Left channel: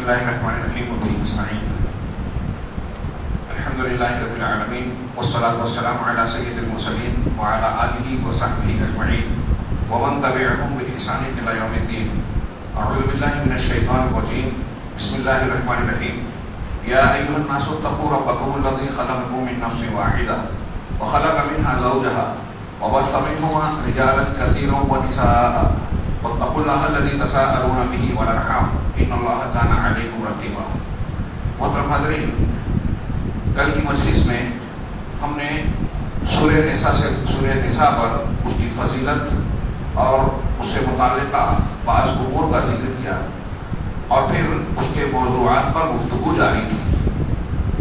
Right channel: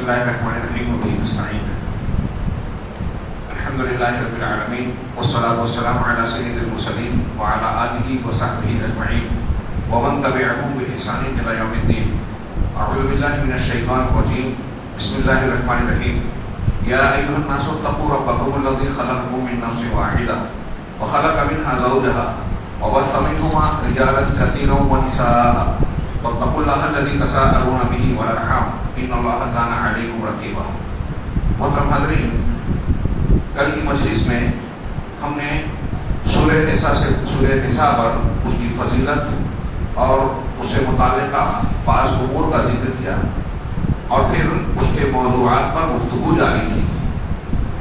بسم الله الرحمن الرحيم وبه نستعين. الحمد لله رب العالمين والصلاة والسلام على سيد المرسلين وعلى آله وصحبه أجمعين ومن تبعهم بإحسان إلى يوم الدين. أعوذ بالله من الشيطان الرجيم. بسم الله الرحمن الرحيم. يا أيها الناس اتقوا ربكم الذي خلقكم من نفس واحدة وخلق منها زوجها وبث منهما رجالا كثيرا ونساء واتقوا الله الذي تساءلون به والأرحام ان اللہ کان علیکم رقیبا. محترم حاضرین، کل کی مجلس میں ہم نے سورہ نساء پر اس کی فضیلت اور اس سے متعلقہ بعض امور کا ذکر کیا اور پھر اس کے موضوعات پر گفتگو جاری تھی.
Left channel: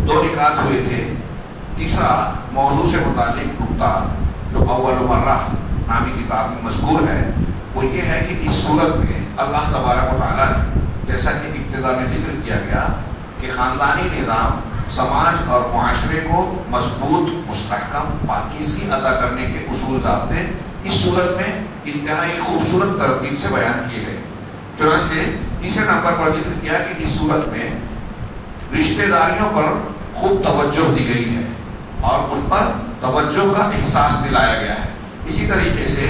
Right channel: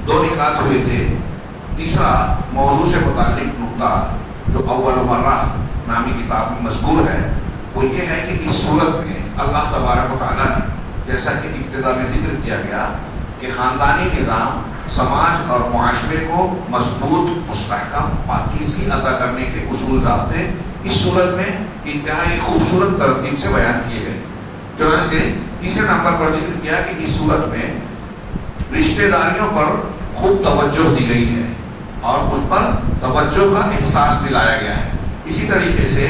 2 نکات ہوئے تھے. تیسرا موضوع سے متعلق نکتہ جو اول مرہ نامی کتاب میں مذکور ہے وہ یہ ہے کہ اس صورت میں اللہ تبارک و تعالیٰ نے، جیسا کہ ابتدا میں ذکر کیا گیا، کہ خاندانی نظام سماج اور معاشرے کو مضبوط، مستحکم، پاکیزگی عطا کرنے کے اصول ضابطے اس صورت میں انتہائی خوبصورت ترتیب سے بیان کیے گئے. چنانچہ تیسرے نمبر پر ذکر کیا کہ اس صورت میں رشتہ داریوں پر خوب توجہ دی گئی ہے اور اس پر توجہ کا احساس دلایا گیا ہے. اسی طریقے سے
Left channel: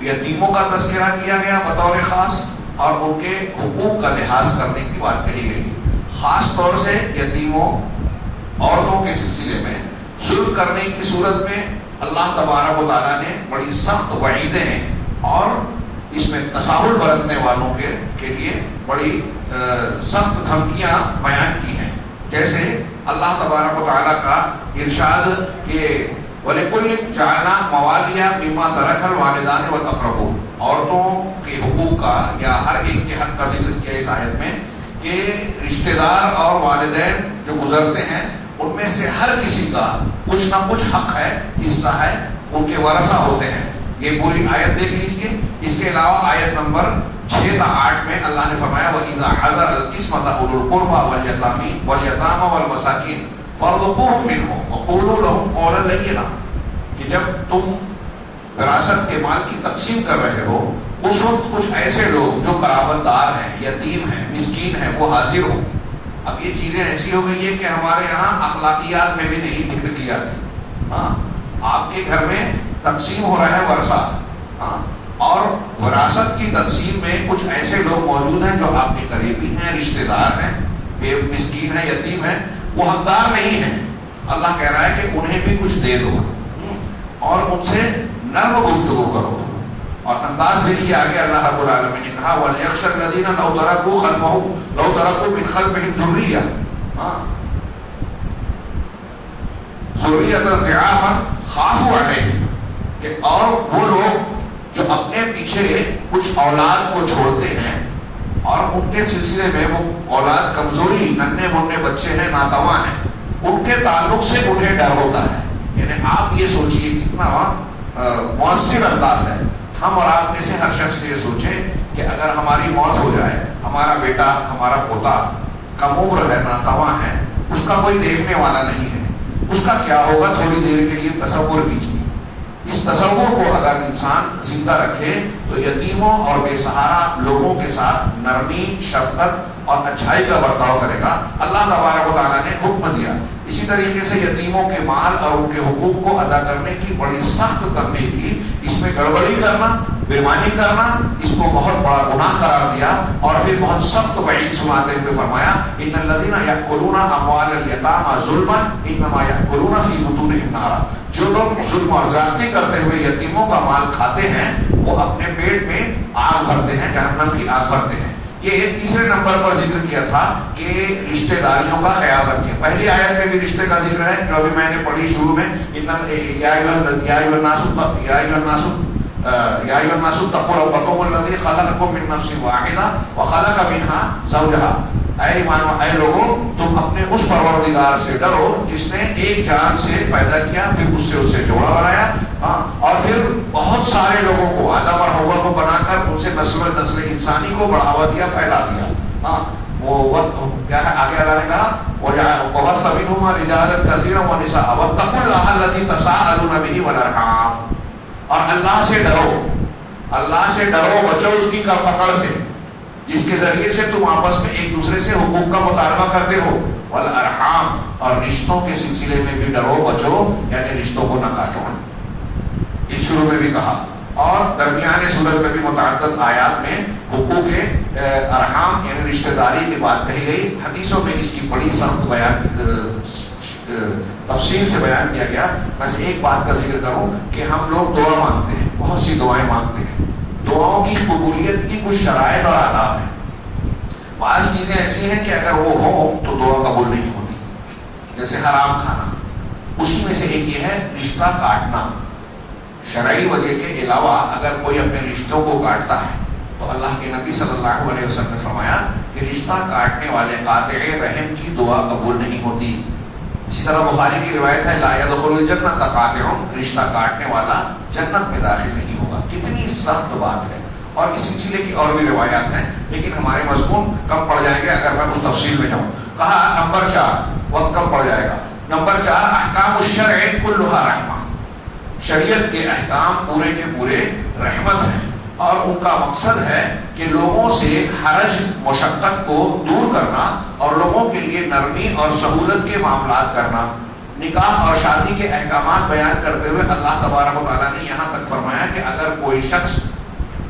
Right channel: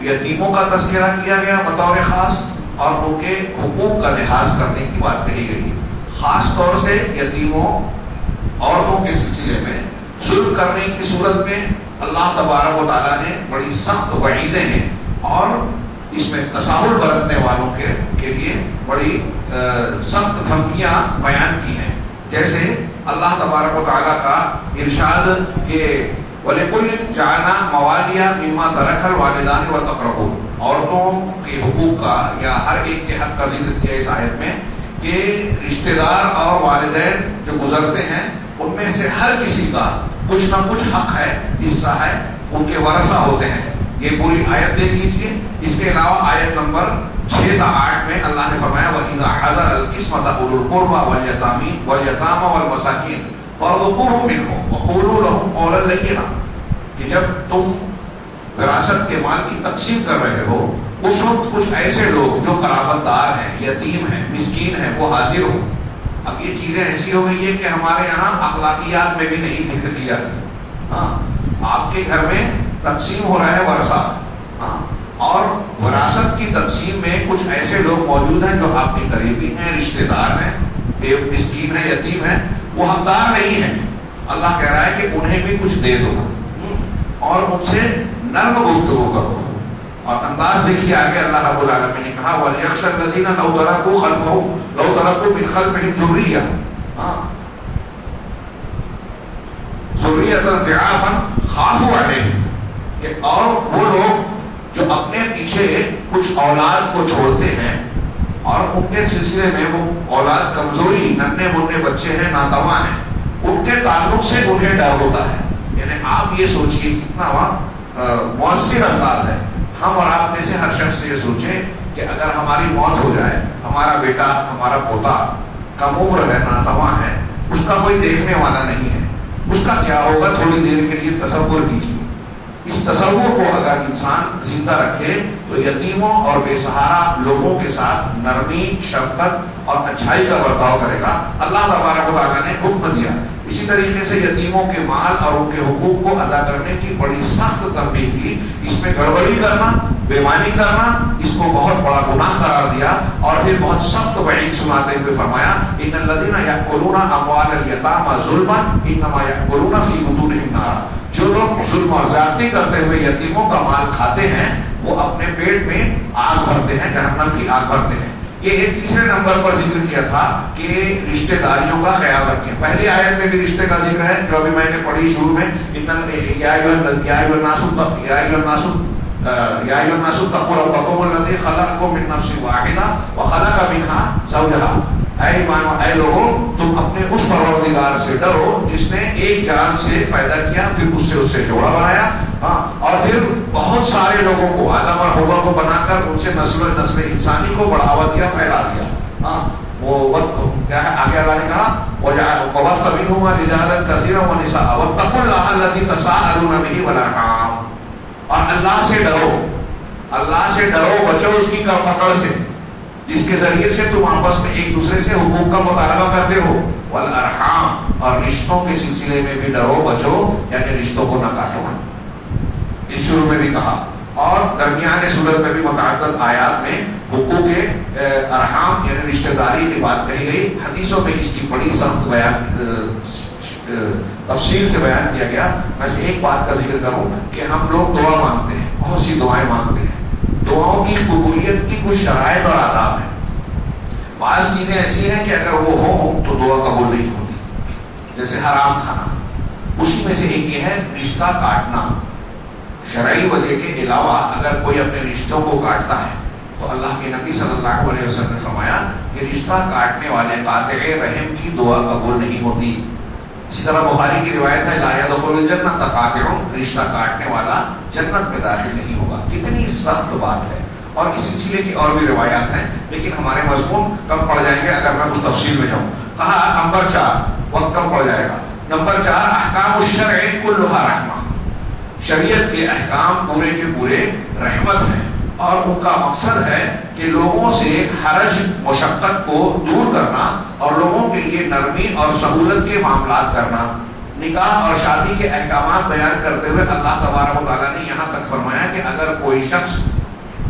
یتیموں کا تذکرہ کیا گیا بطور خاص اور ان کے حقوق کا لحاظ کرنے کی بات کہی گئی. خاص طور سے یتیموں عورتوں کے سلسلے میں ظلم کرنے کی صورت میں اللہ تبارک و تعالیٰ نے بڑی سخت وعیدیں ہیں اور اس میں تساہل برتنے والوں کے لیے بڑی سخت دھمکیاں بیان کی ہیں. جیسے اللہ تبارک و تعالیٰ کا ارشاد کہ وَلِكُلٍّ جَعَلْنَا مَوَالِيَ مِمَّا تَرَكَ الْوَالِدَانِ وَالْأَقْرَبُونَ. عورتوں کے حقوق کا یا ہر ایک کے حق کا ذکر کیا اس آیت میں کہ رشتہ دار اور والدین جو گزرتے ہیں ان میں سے ہر کسی کا کچھ نہ کچھ حق ہے، حصہ ہے، ان کے ورثہ ہوتے ہیں. یہ پوری آیت دیکھ لیجیے. اس کے علاوہ آیت نمبر 6 تا 8 میں اللہ نے فرمایا وَإِذَا حَضَرَ الْقِسْمَةَ أُولُو الْقُرْبَى وَالْيَتَامَى وَالْمَسَاكِينَ فَارْزُقُوهُم مِّنْهُ وَقُولُوا لَهُمْ قَوْلًا لَّيِّنًا. کہ جب تم وراثت کے مال کی تقسیم کر رہے ہو اس وقت کچھ ایسے لوگ جو قرابت دار ہیں، یتیم ہیں، مسکین ہیں، وہ حاضر ہو. اب یہ چیزیں ایسی ہو گئی ہے کہ ہمارے یہاں اخلاقیات میں بھی نہیں ذکر کی جاتی. ہاں، آپ کے گھر میں تقسیم ہو رہا ہے ورثہ، ہاں، اور وراثت کی تقسیم میں کچھ ایسے لوگ موجود ہیں جو آپ کے قریبی ہیں، رشتہ دار ہیں، مسکین ہیں، یتیم ہیں، وہ حقدار نہیں ہیں. اللہ کہہ رہا ہے کہ انہیں بھی کچھ دے دو اور ان سے نرم گفتگو کرو. اور انداز دیکھیے آگے اللہ رب العالمین نے کہا وَلْيَخْشَ الَّذِينَ لَوْ تَرَكُوا مِنْ خَلْفِهِمْ ذُرِّيَّةً ضِعَافًا خَافُوا عَلَيْهِمْ. کہ اور وہ لوگ جو اپنے پیچھے کچھ اولاد کو چھوڑتے ہیں اور ان کے سلسلے میں وہ اولاد کمزوری، ننھے موٹے بچے ہیں، ناتواں ہیں، ان کے تعلق سے انہیں ڈر ہوتا ہے. یعنی آپ یہ سوچئے کتنا مؤثر انداز ہے. ہم اور آپ میں سے ہر شخص یہ سوچے کہ اگر ہماری موت ہو جائے، ہمارا بیٹا، ہمارا پوتا کم عمر ہے، ناتواں ہے، اس کا کوئی دیکھنے والا نہیں ہے، اس کا کیا ہوگا؟ تھوڑی دیر کے لیے تصور کیجیے. اس تصور کو اگر انسان زندہ رکھے تو یتیموں اور بے سہارا لوگوں کے ساتھ نرمی، شفقت اور اچھائی کا برتاؤ کرے گا. اللہ تبارک و تعالیٰ نے حکم دیا. اسی طریقے سے یتیموں کے مال اور ان کے حقوق کو ادا کرنے کی بڑی سخت تنبیہ کی. اس میں گڑبڑی کرنا، بےمانی کرنا، اس کو بہت بڑا گناہ قرار دیا اور پھر بہت سخت وعید سناتے ہوئے فرمایا ان الذین یأکلون اموال الیتامی ظلما انما یأکلون فی بطونہم نارا. جو لوگ ظلم اور زیادتی کرتے ہوئے یتیموں کا مال کھاتے ہیں وہ اپنے پیٹ میں آگ بھرتے ہیں، جہنم کی آگ بھرتے ہیں. یہ تیسرے نمبر پر ذکر کیا تھا کہ رشتہ داریوں کا خیال رکھیں. پہلی آیت میں بھی رشتے کا ذکر ہے جو ابھی میں نے پڑھی شروع میں یا ایھا الناس اتقوا ربکم الذی خلقکم من نفس واحدہ وخلق منها زوجها. اے لوگوں، تم اپنے اس پروردگار سے ڈرو جس نے ایک جان سے پیدا کیا، پھر اس سے جوڑا بنایا، اور پھر بہت سارے لوگوں کو آدم اور حوا کو بنا کر ان سے نسل انسانی کو بڑھاوا دیا، پھیلا دیا. وہ وقت آگے اللہ نے کہا وَبَثَّ مِنْهُمَا رِجَالًا كَثِيرًا وَنِسَاءً وَاتَّقُوا اللَّهَ الَّذِي تَسَاءَلُونَ بِهِ وَالْأَرْحَامَ. اور اللہ سے ڈرو، اللہ سے ڈرو، بچو اس کی پکڑ سے جس کے ذریعے سے تم آپس میں ایک دوسرے سے حقوق کا مطالبہ کرتے ہو، والارحام، اور رشتوں کے سلسلے میں بھی ڈرو بچو، یعنی رشتوں کو نہ کاٹو، اس شروع میں بھی کہا. اور درمیان سورت میں بھی متعدد آیات میں حقوق ارحام یعنی رشتہ داری کی بات کہی گئی. حدیثوں میں اس کی بڑی سخت بیان تفصیل سے بیان کیا گیا. بس ایک بات کا ذکر کروں کہ ہم لوگ دعا مانگتے ہیں، بہت سی دعائیں مانگتے ہیں. دعاؤں کی قبولیت کی کچھ شرائط اور آداب ہیں. بعض چیزیں ایسی ہیں کہ اگر وہ ہوں تو دعا قبول نہیں ہوتی، جیسے حرام کھانا. اسی میں سے ایک یہ ہے رشتہ کاٹنا. شرعی وجہ کے علاوہ اگر کوئی اپنے رشتوں کو کاٹتا ہے تو اللہ کے نبی صلی اللہ علیہ وسلم نے فرمایا کہ رشتہ کاٹنے والے قاطع رحم کی دعا قبول نہیں ہوتی. اسی طرح بخاری کی روایت ہے لا يدخل الجنۃ قاطع، رشتہ کاٹنے والا جنت میں داخل نہیں ہوگا. کتنی سخت بات ہے. اور اس سلسلے کی اور بھی روایات ہیں، لیکن ہمارے مضمون کم پڑ جائیں گے اگر میں اس تفصیل میں جاؤں. کہا نمبر 4، وقت کم پڑ جائے گا. نمبر 4 احکام الشرع کلھا رحمہ. شریعت کے احکام پورے کے پورے رحمت ہیں، اور ان کا مقصد ہے کہ لوگوں سے حرج مشقت کو دور کرنا اور لوگوں کے لیے نرمی اور سہولت کے معاملات کرنا. نکاح اور شادی کے احکامات بیان کرتے ہوئے اللہ تبارک و تعالیٰ نے یہاں تک فرمایا کہ اگر کوئی شخص،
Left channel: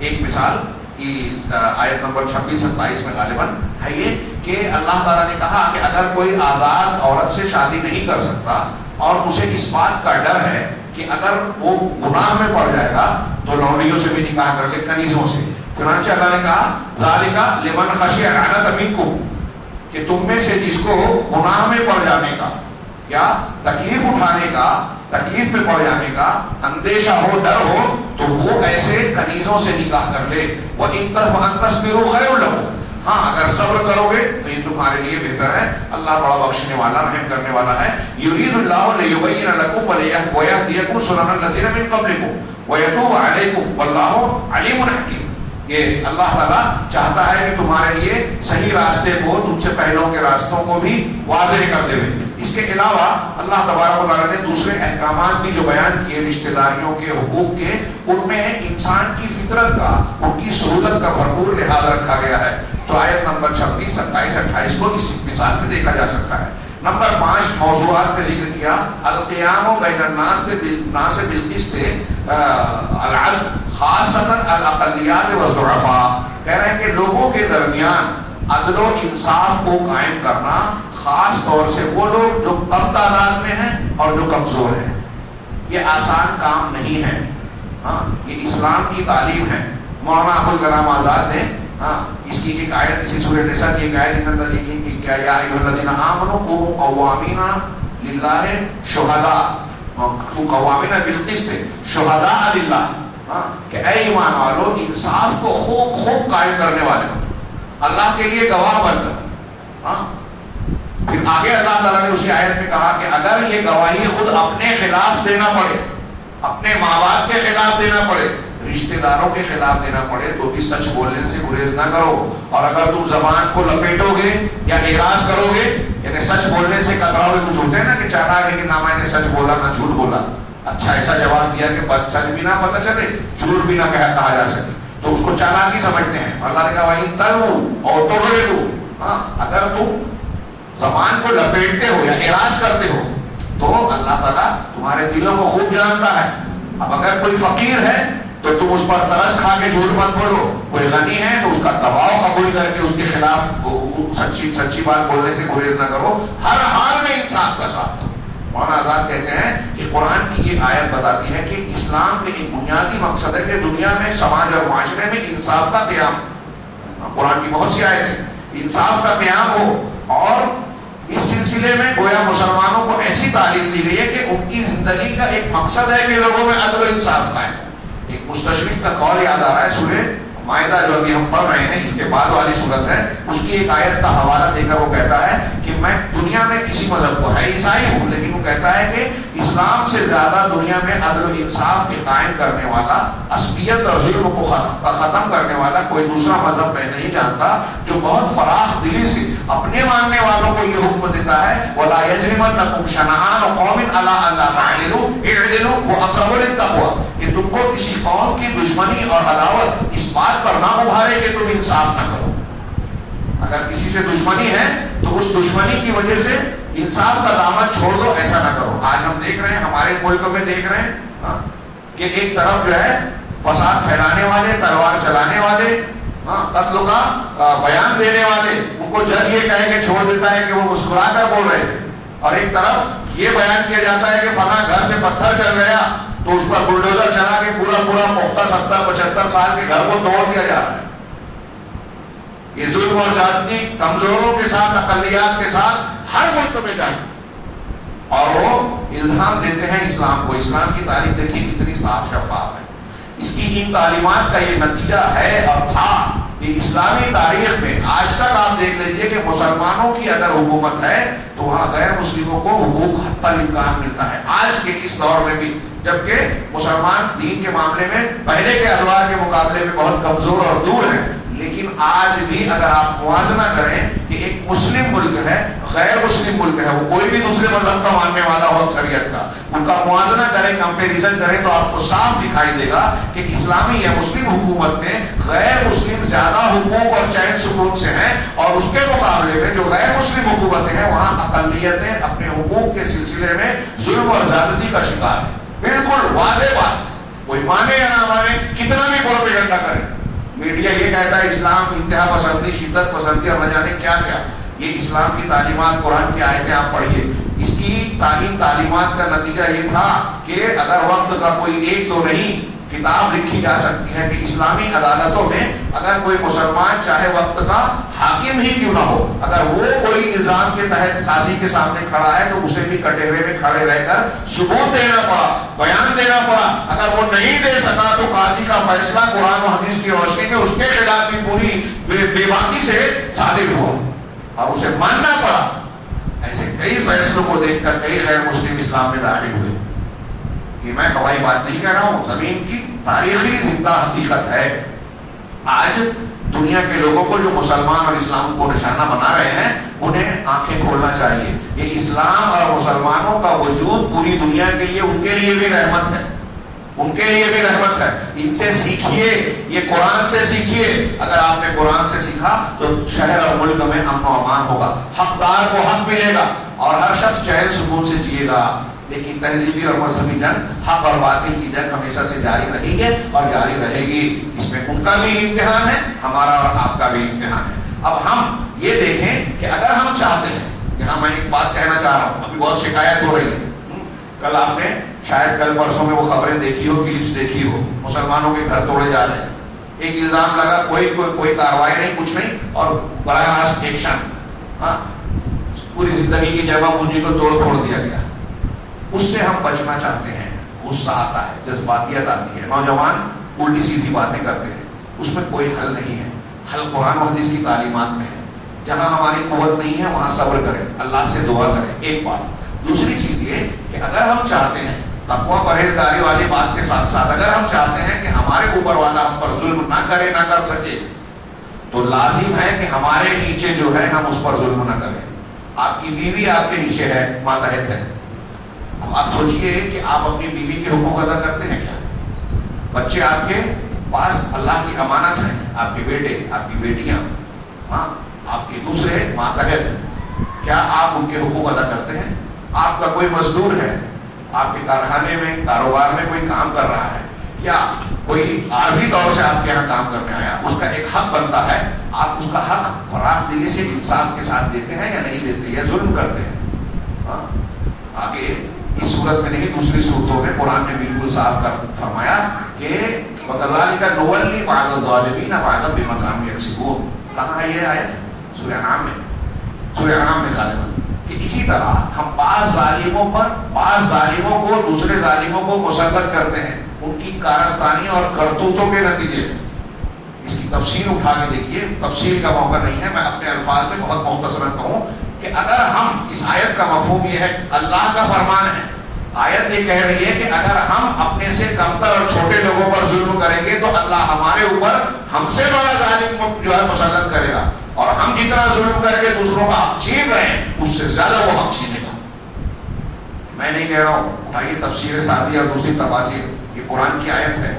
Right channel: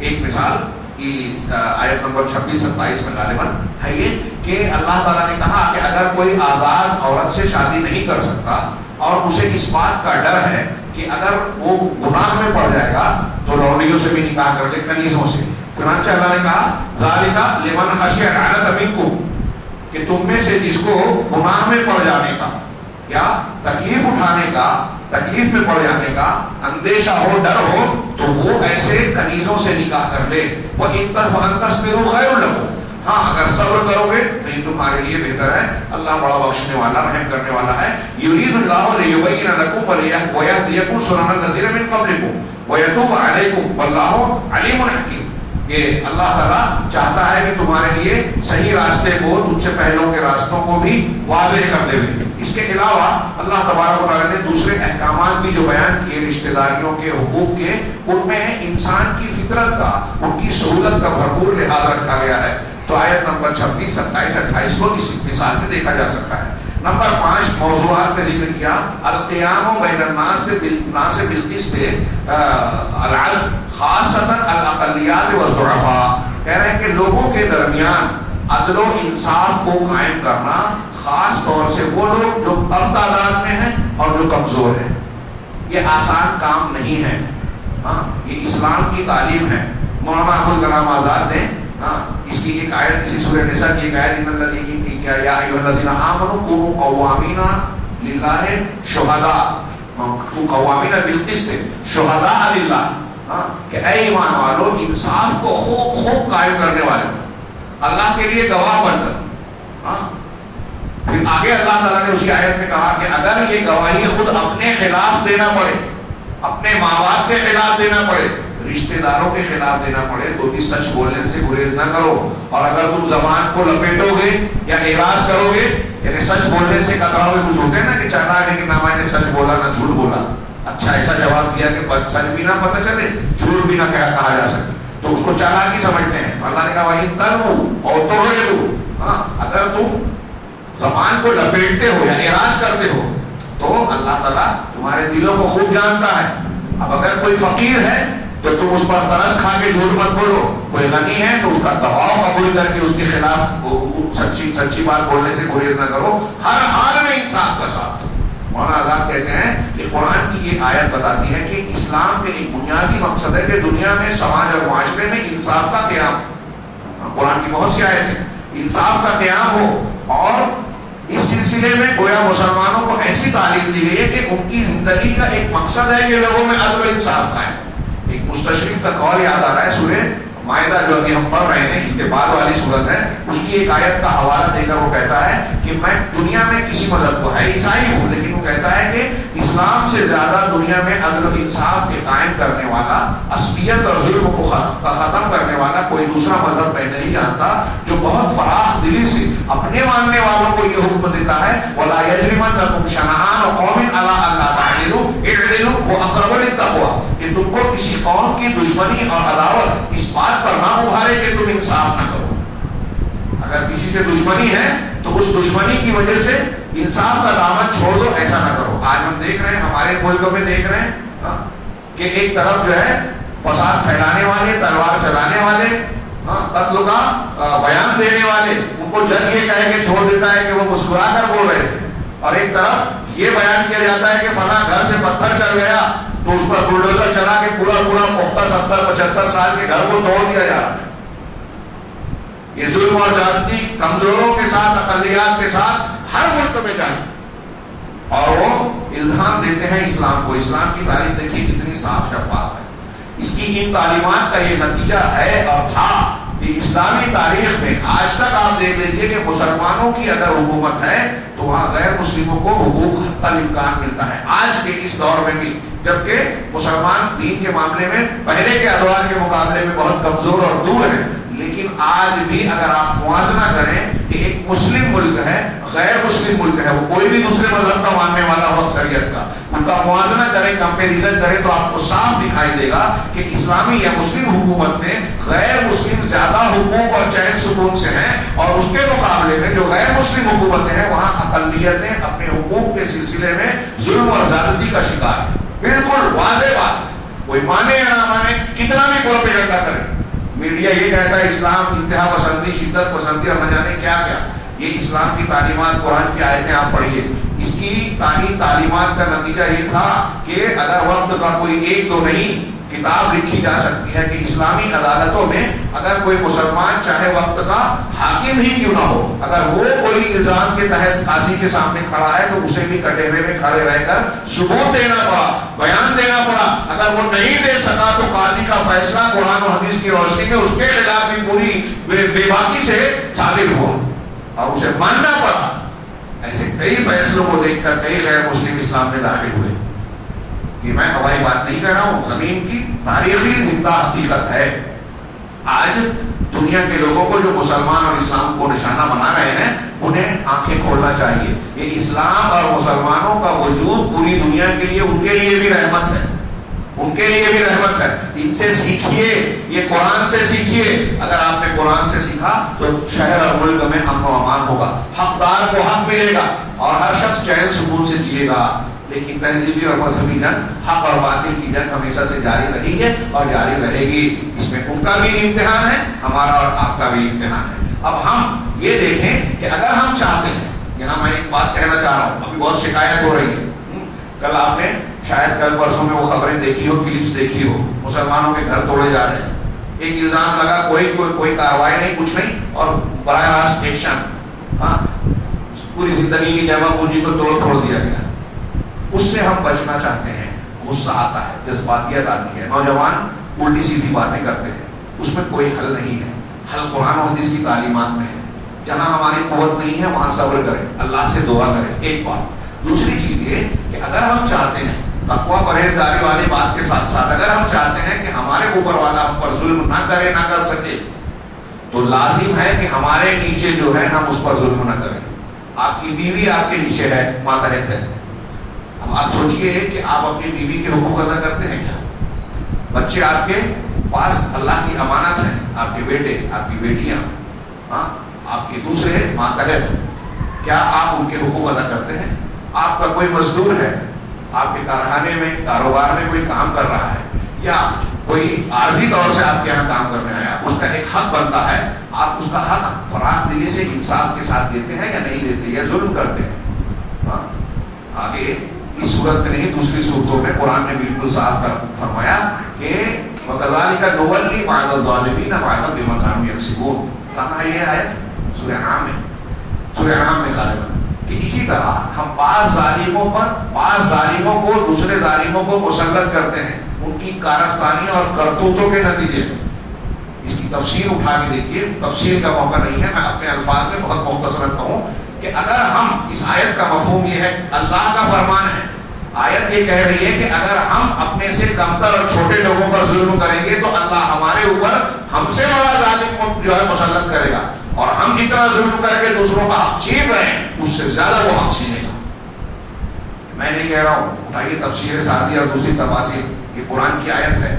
ایک مثال کی آیت نمبر 26-27 میں غالباً ہے یہ کہ اللہ تعالیٰ نے کہا کہ اگر کوئی آزاد عورت سے شادی نہیں کر سکتا اور اسے اس بات کا ڈر ہے کہ اگر وہ گناہ میں پڑ جائے گا تو لونڈیوں سے بھی نکاح کر لے، کنیزوں سے. چنانچہ اللہ نے کہا ذالک لمن خشی العنۃ منکم، کہ تم میں سے جس کو گناہ میں پڑ جانے کا یا تکلیف اٹھانے کا، تکلیف میں پڑ جانے کا اندیشہ ہو، ڈر ہو، تو وہ ایسے کنیزوں سے نکاح کر لے. وَإِن تَصْبِرُوا خَيْرٌ لَكُمْ، ہاں اگر صبر کرو گے تو یہ تمہارے لیے بہتر ہے. اللہ بڑا بخشنے والا، رحم کرنے والا ہے. یرید اللہ لیبین لکم ویہدیکم سنن الذین من قبلکم ویتوب علیکم واللہ علیم حکیم. کہ اللہ تعالیٰ چاہتا ہے کہ تمہارے لیے صحیح راستے کو، تم سے پہلوں کے راستوں کو بھی واضح کر دے. اس کے علاوہ اللہ تبارک و تعالیٰ نے دوسرے احکامات بھی جو بیان کیے رشتہ داریوں کے، حقوق کے، ان میں انسان کی فطرت کا، ان کی سہولت کا بھرپور لحاظ رکھا گیا ہے. تو آیت نمبر 26, 27, 28 کو اس مثال میں دیکھا جا سکتا ہے. نمبر 5 موضوعات میں ذکر کیا القیام بین الناس بالقسط العدل خاصۃ الاقلیات والضعفاء. کہہ رہے ہیں کہ لوگوں کے درمیان عدل و انصاف کو قائم کرنا، خاص طور سے وہ لوگ جو کم تعداد میں ہیں اور جو کمزور ہیں. یہ آسان کام نہیں ہے. یہ اسلام کی تعلیم ہے. مولانا ابوالکلام آزاد نے اس کی ایک آیت، اسی سورہ نساء کی ایک آیت یا ایھا الذین آمنوا کونوا قوامین للہ شہداء، قوامین بالقسط شہداء للہ، کہ اے ایمان والو انصاف کو خوب قائم کرنے والے، اللہ کے لیے گواہ بن کر. پھر آگے اللہ تعالیٰ نے اسی آیت میں کہا کہ اگر یہ گواہی خود اپنے خلاف دینا پڑے، اپنے ماں باپ کے خلاف دینا پڑے، رشتہ داروں کے خلاف دینا پڑے، تو بھی سچ بولنے سے گریز نہ کرو. اور اگر تم زبان کو لپیٹو گے یا اعراض کرو گے، یعنی سچ بولنے سے کتراؤ گے، کچھ ہوتے ہیں نا کہ چاہتا ہے کہ نہ میں نے سچ بولا نہ جھوٹ بولا، اچھا ایسا جواب دیا کہ سچ بھی نہ پتہ چلے، جھوٹ بھی نہ کہا جا سکے، تو اس کو چالاکی سمجھتے ہیں. اللہ نے کہا وَإِن تَلْوُوا أَوْ تُعْرِضُوا، اگر تم زبان کو لپیٹتے ہو یا اعراض کرتے ہو تو اللہ تعالیٰ تمہارے دلوں کو خوب جانتا ہے. اب اگر کوئی فقیر ہے تو تم اس پر ترس کھا کے جھوٹ مت بولو، کوئی غنی ہے تو اس کا دباؤ قبول کر کے اس کے خلاف سچی بات بولنے سے گریز نہ کرو. ہر حال میں انصاف کا ساتھ دو. مولانا آزاد کہتے ہیں کہ قرآن کی یہ آیت بتاتی ہے کہ اسلام کے ایک بنیادی مقصد ہے کہ دنیا میں، سماج اور معاشرے میں انصاف کا قیام. قرآن کی بہت سی آیتیں انصاف کا قیام ہو، اور اس سلسلے میں گویا مسلمانوں کو ایسی تعلیم دی گئی ہے کہ ان کی زندگی کا ایک مقصد ہے کہ لوگوں میں عدل و انصاف قائم. ایک مستشرق کا قول یاد آ رہا ہے، سورہ مائدہ جو ابھی ہم پڑھ رہے ہیں اس کے بعد والی صورت ہے، اس کی ایک آیت کا حوالہ دے کر وہ کہتا ہے کہ میں دنیا میں کسی مذہب کو ہے عیسائی ہوں، لیکن وہ کہتا ہے کہ اسلام سے زیادہ دنیا میں عدل و انصاف کے قائم کرنے والا، عصبیت اور ظلم کو ختم کرنے والا کوئی دوسرا مذہب میں نہیں جانتا، جو بہت فراخ دلی سے اپنے ماننے والوں کو یہ حکم دیتا ہے وَلَا يَجْرِمَنَّكُمْ شَنَآنُ قَوْمٍ عَلَىٰ أَلَّا تَعْدِلُوا اعْدِلُوا هُوَ أَقْرَبُ لِلتَّقْوَىٰ، کہ تم کو کسی قوم کی دشمنی اور عداوت اس بات پر نہ ابھارے کہ تم انصاف نہ کرو. اگر کسی سے دشمنی ہے تو اس دشمنی کی وجہ سے انصاف کا دامن چھوڑ دو، ایسا نہ کرو. آج ہم دیکھ رہے ہیں ہمارے ملکوں میں دیکھ رہے ہیں کہ ایک طرف جو ہے فساد پھیلانے والے، تلوار چلانے والے، قتل کا بیان دینے والے، ان کو جج یہ کہہ کے چھوڑ دیتا ہے کہ وہ مسکرا کر بول رہے تھے، اور ایک طرف یہ بیان کیا جاتا ہے کہ فلاں گھر سے پتھر چل گیا تو اس پر بلڈوزر چلا کے پورا پختہ 70-75 سال کے گھر کو توڑ دیا جاتا ہے. یہ ظلم اور زیادتی کمزوروں کے ساتھ، اقلیات کے ساتھ ہر ملک میں جائے، اور وہ الہام دیتے ہیں اسلام کو. اسلام کی تعلیم دیکھیے کتنی صاف شفاف ہے. اس کی ان تعلیمات کا یہ نتیجہ ہے اور تھا کہ اسلامی تاریخ میں آج تک آپ دیکھ لیجئے کہ مسلمانوں کی اگر حکومت ہے تو وہاں غیر مسلموں کو حقوق حتی الامکان ملتا ہے. آج کے اس دور میں بھی، جبکہ مسلمان دین کے معاملے میں پہلے کے ادوار کے مقابلے میں بہت کمزور اور دور ہیں، لیکن آج بھی اگر آپ موازنہ کریں کہ ایک مسلم ملک ہے، غیر مسلم ملک ہے، وہ کوئی بھی دوسرے مذہب کا ماننے والا ہو اکثریت کا، ان کا موازنہ کریں، کمپیریزن کریں تو آپ کو صاف دکھائی دے گا کہ اسلامی یا مسلم حکومت میں غیر مسلم زیادہ حقوق اور چین سکون سے ہیں، اور اس کے مقابلے میں جو غیر مسلم حکومتیں ہیں وہاں اقلیتیں اپنے حقوق کے سلسلے میں ظلم اور زیادتی کا شکار ہیں. بالکل واضح بات، کوئی مانے یا نہ مانے، کتنا بھی پروپیگنڈا کرے. میڈیا یہ کہتا ہے اسلام انتہا پسندی، شدت پسندی اور نہ جانے کیا کیا. یہ اسلام کی تعلیمات، قرآن کی آیتیں آپ پڑھیے، اس کی تعلیمات کا نتیجہ یہ تھا کہ اگر وقت کا کوئی ایک تو نہیں کتاب لکھی جا سکتی ہے کہ اسلامی عدالتوں میں اگر کوئی مسلمان چاہے وقت کا حاکم ہی کیوں نہ ہو، اگر وہ کوئی الزام کے تحت قاضی کے سامنے کھڑا ہے تو اسے بھی کٹہرے میں کھڑے رہ کر ثبوت دینا پڑا، بیان دینا پڑا. اگر وہ نہیں دے سکا تو قاضی کا فیصلہ قرآن و حدیث کی روشنی میں اس کے خلاف بھی پوری بے باکی سے صادر ہوا اور اسے ماننا پڑا. ایسے کئی فیصلوں کو دیکھ کر کئی غیر مسلم اسلام میں داخل ہوئے. یہ میں ہوائی بات نہیں کہہ رہا ہوں، زمین کی تاریخی زندہ حقیقت ہے. آج دنیا کے لوگوں کو جو مسلمان اور اسلام کو نشانہ بنا رہے ہیں انہیں آنکھیں کھولنا چاہیے. یہ اسلام اور مسلمانوں کا وجود پوری دنیا کے لیے، ان کے لیے بھی رحمت ہے، ان کے لیے بھی رحمت ہے. ان سے سیکھیے، یہ قرآن سے سیکھیے. اگر آپ نے قرآن سے سیکھا تو شہر اور ملک میں امن و امان ہوگا، حقدار کو حق ملے گا اور ہر شخص چین سکون سے جیے گا. لیکن تہذیبی اور مذہبی جنگ، حق اور باطل کی جنگ ہمیشہ سے جاری رہی ہے اور جاری رہے گی. اس میں ان کا بھی امتحان ہے، ہمارا اور آپ کا بھی امتحان ہے. اب ہم یہ دیکھیں کہ اگر ہم چاہتے ہیں، یہاں میں ایک بات کہنا چاہ رہا ہوں، ابھی بہت شکایت ہو رہی ہے. کل آپ نے شاید کل پرسوں میں وہ خبریں دیکھی ہو، کلپس دیکھی ہو، مسلمانوں کے گھر توڑے جا رہے ہیں. ایک الزام لگا، کوئی کاروائی نہیں، کچھ نہیں، اور براہ راست ایکشن. پوری زندگی کی جمع پونجی کو توڑ دیا گیا. اس سے ہم بچنا چاہتے ہیں. غصہ آتا ہے، جذباتیت آتی ہے، نوجوان الٹی سیدھی باتیں کرتے ہیں. اس میں کوئی حل نہیں ہے. حل قرآن و حدیث کی تعلیمات میں ہے. جہاں ہماری قوت نہیں ہے وہاں صبر کریں، اللہ سے دعا کریں. ایک بات. دوسری چیز یہ کہ اگر ہم چاہتے ہیں تقویٰ پرہیزگاری والی بات کے ساتھ ساتھ اگر ہم چاہتے ہیں کہ ہمارے اوپر والا ہم پر ظلم نہ کرے، نہ کر سکے، تو لازم ہے کہ ہمارے نیچے جو ہے ہم اس پر ظلم نہ کریں. آپ کی بیوی آپ کے نیچے ہے، ماتحت ہے. آپ سوچئے کہ آپ اپنی بیوی کے حقوق ادا کرتے ہیں کیا؟ بچے آپ کے پاس اللہ کی امانت ہیں، آپ کے بیٹے، آپ کی بیٹیاں، آپ کے دوسرے ماتحت، کیا آپ ان کے حقوق ادا کرتے ہیں؟ آپ کا کوئی مزدور ہے، آپ کے کارخانے میں، کاروبار میں کوئی کام کر رہا ہے، یا کوئی عارضی طور سے آپ کے یہاں کام کرنے آیا، اس کا ایک حق بنتا ہے. آپ اس کا حق فراخ دلی سے انصاف کے ساتھ دیتے ہیں یا نہیں دیتے، یا ظلم کرتے ہیں؟ آگے اس صورت میں نہیں، دوسری صورتوں میں قرآن نے بالکل صاف کر فرمایا کہ وَكَذَلِكَ نُوَلِّي بَعْضَ الظَّالِمِينَ بَعْضًا بِمَا كَانُوا يَكْسِبُونَ. کہاں ہے یہ آیت؟ سورہ انعام میں. سورہ انعام میں ظالم کہ اسی طرح ہم بعض ظالموں کو دوسرے ظالموں کو مسلط کرتے ہیں ان کی کارستانی اور کرتوتوں کے نتیجے میں. اس کی تفسیر اٹھا کے دیکھیے، تفسیر کا موقع نہیں ہے، میں اپنے الفاظ میں بہت مختصر کہوں کہ اگر ہم اس آیت کا مفہوم یہ ہے، اللہ کا فرمان ہے، آیت یہ کہہ رہی ہے کہ اگر ہم اپنے سے کمتر اور چھوٹے لوگوں پر ظلم کریں گے تو اللہ ہمارے اوپر ہم سے بڑا ظالم جو ہے مسلط کرے گا، اور ہم جتنا ظلم کر کے دوسروں کا حق چھین رہے ہیں اس سے زیادہ وہ حق چھینے گا. میں نہیں کہہ رہا ہوں، اٹھائیے تفسیر سعدی اور دوسری تفاسیر، یہ قرآن کی آیت ہے.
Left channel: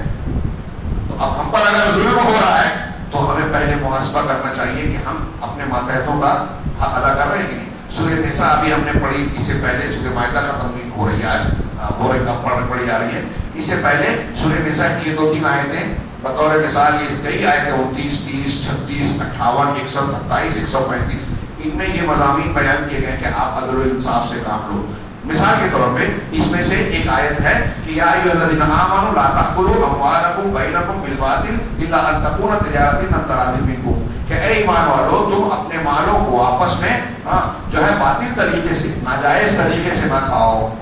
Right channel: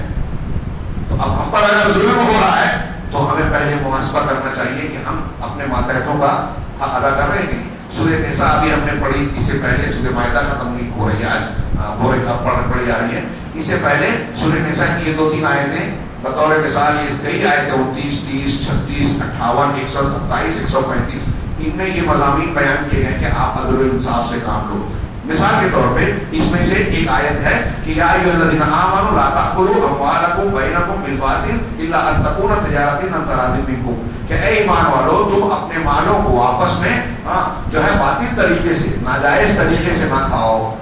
تو اب ہم پر اگر ظلم ہو رہا ہے تو ہمیں پہلے محاسبہ کرنا چاہیے کہ ہم اپنے ماتحتوں کا حق ادا کر رہے ہیں کہ نہیں. سورہ نساء بھی ہم نے پڑھی, اس سے پہلے سورہ مائدہ ختم ہو رہی ہے, آج بورے کا پڑھی جا رہی ہے. اس سے پہلے سورہ نساء کی یہ 2-3 آیتیں بطور مثال, یہ کئی آیتیں 29, 30, 36, 58, 127, 135, ان میں یہ مضامین بیان کیے گئے کہ آپ عدل و انصاف سے کام لو. مثال کے طور پہ اس میں سے ایک آیت ہے کہ یا ایھا الذین آمنوا لا تأکلوا اموالکم بینکم بالباطل الا ان تکون تجارۃ عن تراض منکم, کہ اے ایمان والو تم اپنے مالوں کو آپس میں جو ہے باطل طریقے سے, ناجائز طریقے سے نہ کھاؤ.